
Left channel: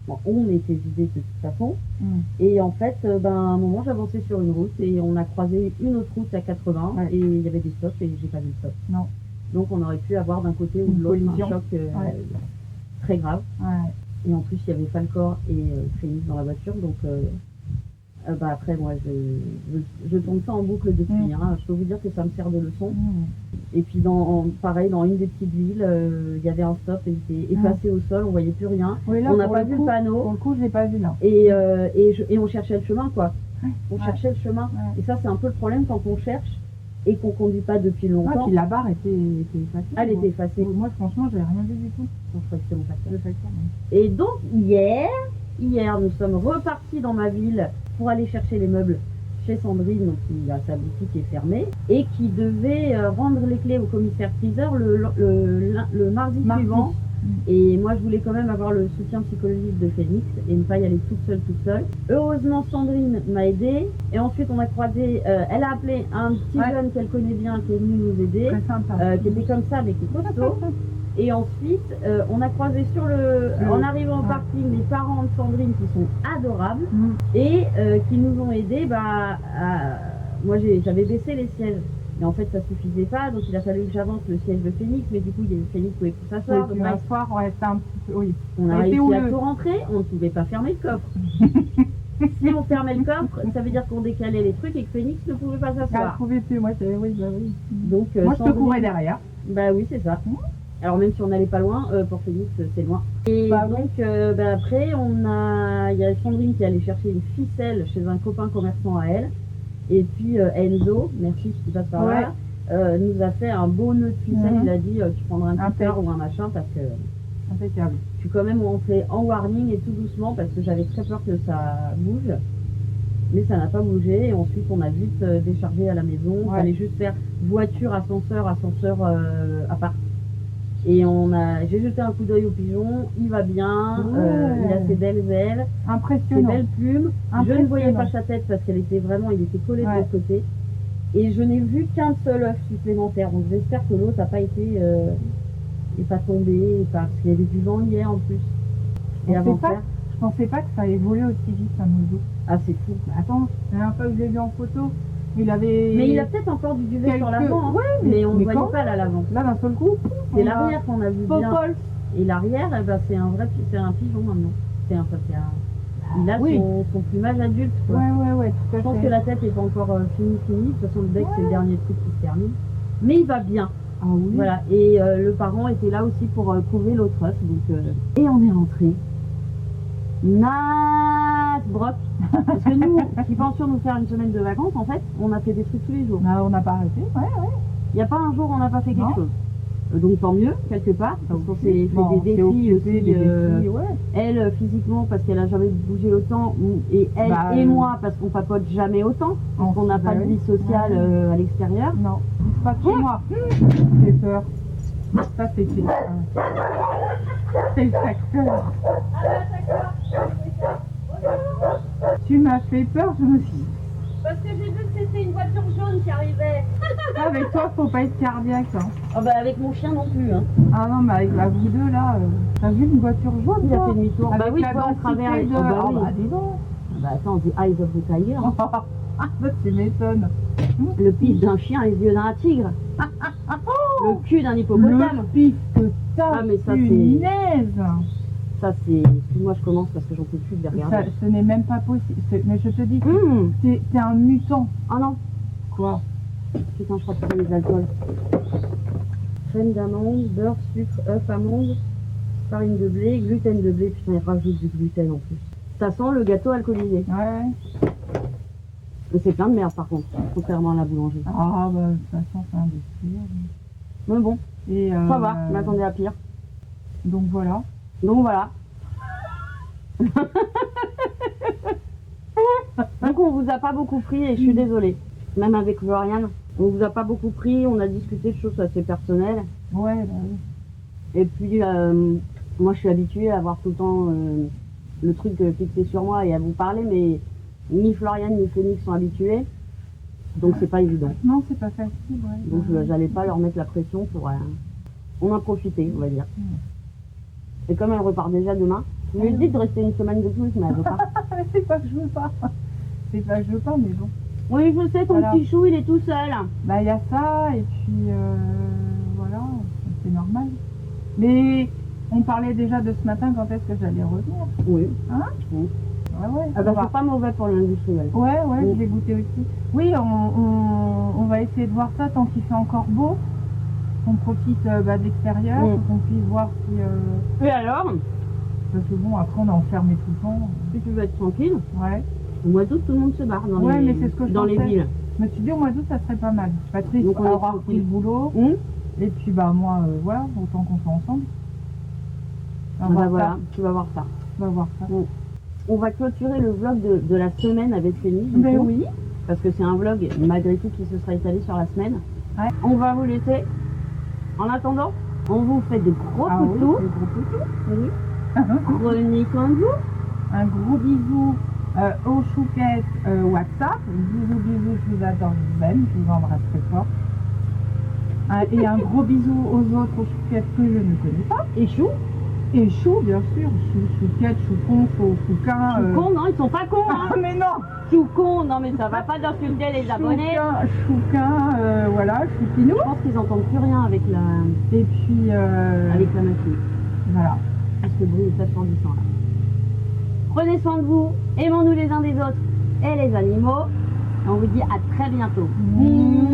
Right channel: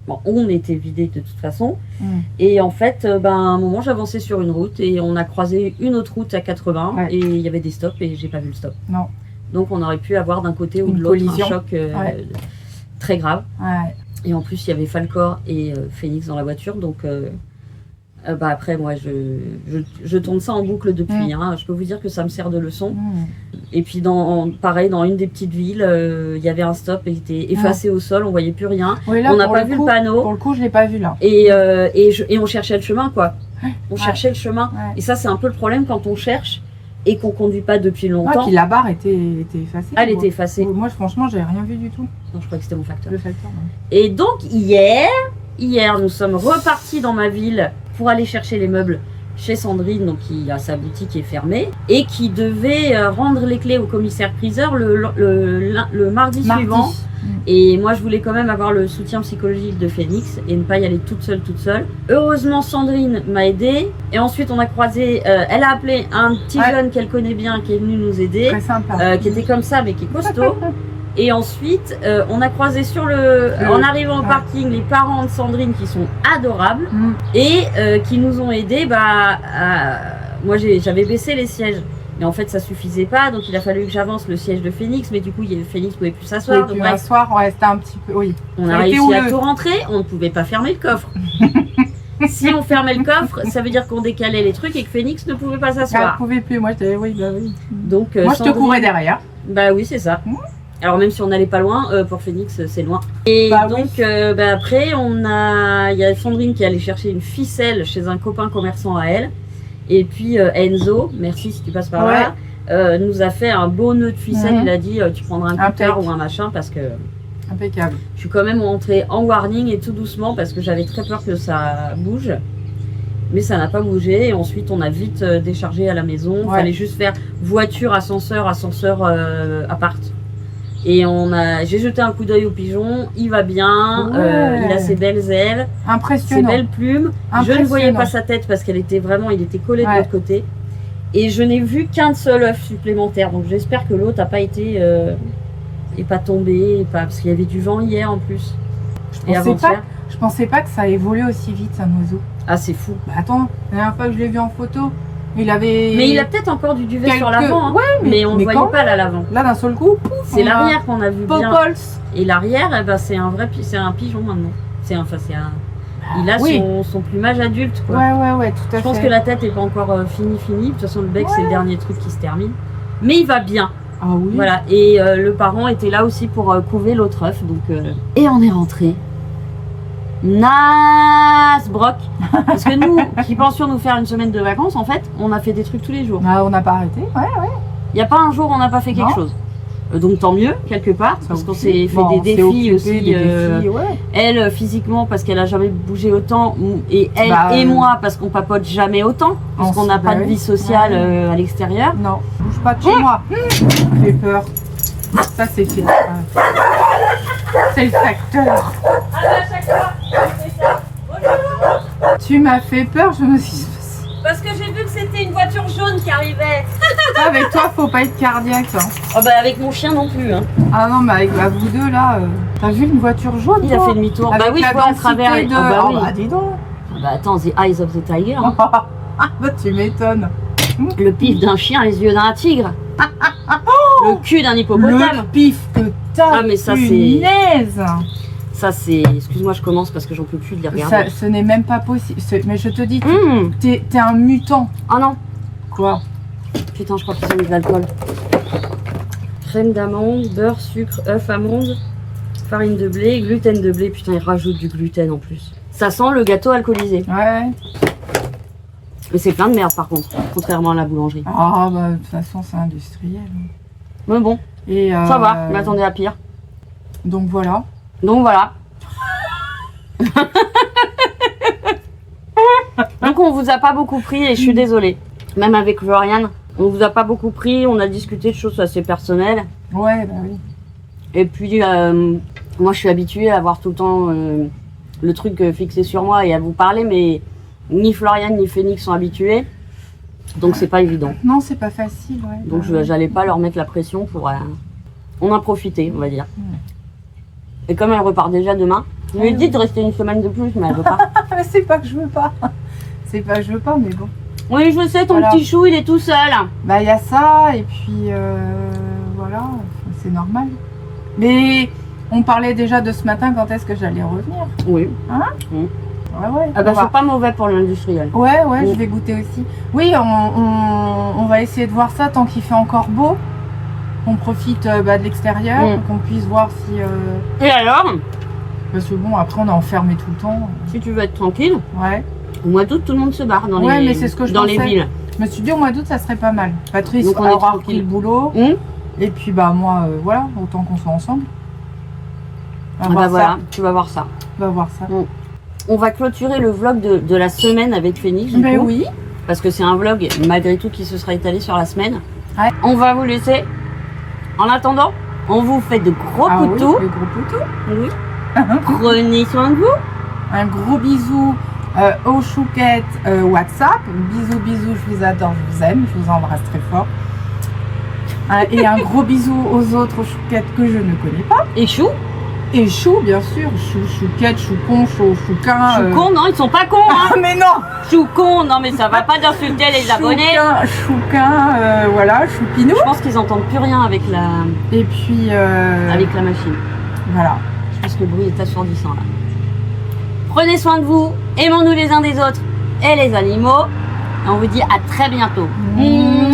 Bon, on était vidés de toute façon. Et en fait, à un moment, j'avançais sur une route et on a croisé une autre route à 80 Ouais. et il y avait des stops et j'ai pas vu le stop. Non. Donc on aurait pu avoir d'un côté ou Une de l'autre collision. un choc Ouais. très grave. Ouais. Et en plus, il y avait Falcor et Phoenix dans la voiture. Donc après, moi, je tourne ça en boucle depuis. Hein. Je peux vous dire que ça me sert de leçon. Et puis, pareil, dans une des petites villes, il y avait un stop et il était effacé au sol, on voyait plus rien. Oui, là, On n'a pour pas le vu coup- le panneau. Pour le coup, je l'ai pas vu là. Et on cherchait le chemin, quoi. On cherchait le chemin. Ouais. Et ça, c'est un peu le problème quand on cherche et qu'on conduit pas depuis Ouais, longtemps. puis la barre était effacée. Elle moi. était effacée. Moi, franchement, j'ai rien vu du tout. Non, je crois que c'était mon facteur. Le facteur. non. Et donc, hier, nous sommes repartis dans ma ville pour aller chercher les meubles chez Sandrine, donc qui a sa boutique qui est fermée, et qui devait rendre les clés au commissaire-priseur le mardi suivant. Et moi, je voulais quand même avoir le soutien psychologique de Phoenix et ne pas y aller toute seule. Heureusement, Sandrine m'a aidée. Et ensuite, on a croisé, elle a appelé un petit jeune qu'elle connaît bien qui est venu nous aider, Très sympa. qui était comme ça, mais qui est costaud. Et ensuite, on a croisé en arrivant au parking, les parents de Sandrine qui sont adorables et qui nous ont aidés. Moi, j'avais baissé les sièges. Mais en fait, ça suffisait pas, donc il a fallu que j'avance le siège de Phoenix, mais du coup, Phoenix pouvait plus s'asseoir. Donc, bref, soir, ouais, c'était un petit peu. Oui. on Ça a a été réussi à houleux. tout rentrer, on ne pouvait pas fermer le coffre. Si on fermait le coffre, ça veut dire qu'on décalait les trucs et que Phoenix ne pouvait pas Ah, s'asseoir. je pouvais plus. Moi, j'étais. Oui, bah oui. Donc, Moi, je te Sandrine- courais derrière. Bah oui, c'est ça. Alors même si on n'allait pas loin, pour Phoenix, c'est loin. Et Bah donc, après, il y a Sandrine qui est allée chercher une ficelle chez un copain commerçant à elle. Et puis Enzo, merci si tu passes par là, nous a fait un beau nœud de ficelle. Il a dit, tu prendras un cutter Impec. ou un machin parce que Impeccable. je suis quand même rentrée en warning et tout doucement parce que j'avais très peur que ça bouge. Mais ça n'a pas bougé. Et ensuite, on a vite déchargé à la maison. Il fallait juste faire voiture, ascenseur, appart. Et j'ai jeté un coup d'œil au pigeon. Il va bien. Ouais. Il a ses belles ailes, ses Impressionnant. belles plumes. Je ne voyais pas sa tête parce il était collé de l'autre côté. Et je n'ai vu qu'un seul œuf supplémentaire. Donc j'espère que l'autre n'a pas été est pas tombé, parce qu'il y avait du vent hier en plus. Et avant-hier. Je pensais pas que ça évoluait aussi vite, un oiseau. Ah, c'est fou. Bah attends, la dernière fois que je l'ai vu en photo, il avait. Mais il a peut-être encore du duvet sur l'avant. Hein. Ouais, mais on ne voyait quand pas là l'avant. Là, d'un seul coup, pouf, C'est l'arrière qu'on a vu bien. Popols. Et l'arrière, c'est un vrai pigeon maintenant. Il a son plumage adulte, quoi. Ouais, tout à fait. Je pense que la tête n'est pas encore finie. De toute façon, le bec, c'est le dernier truc qui se termine. Mais il va bien. Ah oui. Voilà. Et le parent était là aussi pour couver l'autre œuf. Et on est rentré. Nasbrock. Parce que nous, qui pensions nous faire une semaine de vacances, en fait, on a fait des trucs tous les jours. Ah, on n'a pas arrêté. Ouais. Il n'y a pas un jour où on n'a pas fait quelque chose. Donc tant mieux, quelque part, parce qu'on s'est fait des défis aussi. Elle, physiquement, parce qu'elle n'a jamais bougé autant, et elle et moi, parce qu'on papote jamais autant, parce qu'on n'a pas de vie sociale à l'extérieur. Non, bouge pas de chez moi. J'ai peur. Ça, c'est fait. C'est le facteur. Tu m'as fait peur, je me suis dit, Parce que j'ai vu que c'était une voiture jaune qui arrivait. Avec toi, faut pas être cardiaque. Hein. Oh bah avec mon chien non plus. Hein. Ah non, mais avec vous deux là, t'as vu une voiture jaune? Il a toi fait demi-tour. Avec bah oui, la je vois à densité travers. de... Ah bah, Oh oui. bah dis donc. Bah attends, the eyes of the tiger. Hein. Ah bah tu m'étonnes. Le pif d'un chien, les yeux d'un tigre. Le cul d'un Le hippopotame. pif que t'as. Ah, mais ça, punaise. Ça c'est. Excuse-moi, je commence parce que j'en peux plus de les regarder. Ce n'est même pas possible. Mais je te dis, Mmh. t'es un mutant. Oh non. Quoi? Putain, je crois qu'ils ont mis de l'alcool. Crème d'amande, beurre, sucre, œuf, amande, farine de blé, gluten de blé. Putain, ils rajoutent du gluten en plus. Ça sent le gâteau alcoolisé. Ouais. Mais c'est plein de merde par contre, contrairement à la boulangerie. Ah bah de toute façon c'est industriel. Mais bon, Et ça va, je m'attendais à pire. Donc voilà. Donc voilà. Donc on vous a pas beaucoup pris et je suis désolée. Même avec Floriane, on vous a pas beaucoup pris, on a discuté de choses assez personnelles. Ouais, bah oui. Et puis moi je suis habituée à avoir tout le temps le truc fixé sur moi et à vous parler, mais ni Floriane ni Phoenix sont habitués. Donc c'est pas évident. Non, c'est pas facile, ouais. Donc j'allais pas leur mettre la pression pour... on a profité, on va dire. Et comme elle repart déjà demain, je lui ai dit de rester une semaine de plus, mais elle veut pas. C'est pas que je veux pas. C'est pas que je veux pas, mais bon. Oui, je sais, ton Voilà. petit chou, il est tout seul. Bah il y a ça, et puis voilà, c'est normal. Mais on parlait déjà de ce matin quand est-ce que j'allais revenir. Oui. Ouais, ouais. Ah bah on va- c'est pas mauvais pour l'industriel. Ouais, ouais, Mm. je vais goûter aussi. Oui, on va essayer de voir ça tant qu'il fait encore beau. Qu'on profite de l'extérieur, Mm. qu'on puisse voir si... Et alors, Parce que bon, après on est enfermé tout le temps. si tu veux être tranquille, Ouais. au mois d'août, tout le monde se barre dans Ouais, les, mais c'est ce que je dans les pensais. villes. Je me suis dit au mois d'août ça serait pas mal. Patrice Donc, on est aura tranquille. repris le boulot. Hum Et puis bah moi, voilà, autant qu'on soit ensemble. On va Ah bah voir voilà, ça. tu vas voir ça. On va voir ça. On va clôturer le vlog de la semaine avec Phoenix. Du Ben coup, oui. Parce que c'est un vlog, malgré tout, qui se sera étalé sur la semaine. Ouais. On va vous laisser. En attendant, on vous fait de gros Ah oui, poutous. le gros poutou. Oui. Prenez soin de vous. Un gros bisou aux chouquettes WhatsApp. Bisous, bisous, je vous adore, je vous aime, je vous embrasse très fort. Et un gros bisou aux autres chouquettes que je ne connais pas. Et chou. Et chou, bien sûr. Chou, chouquette, choucon, chouquin. Choucon, non, ils sont pas cons, hein. Ah, mais non! Choucon, non, mais ça va pas d'insulter les abonnés. Chouquin, voilà, choupinou. Je pense qu'ils entendent plus rien avec la machine. Voilà. Je pense que le bruit est assourdissant là. Prenez soin de vous, aimons-nous les uns des autres et les animaux. Et on vous dit à très bientôt. Mmh.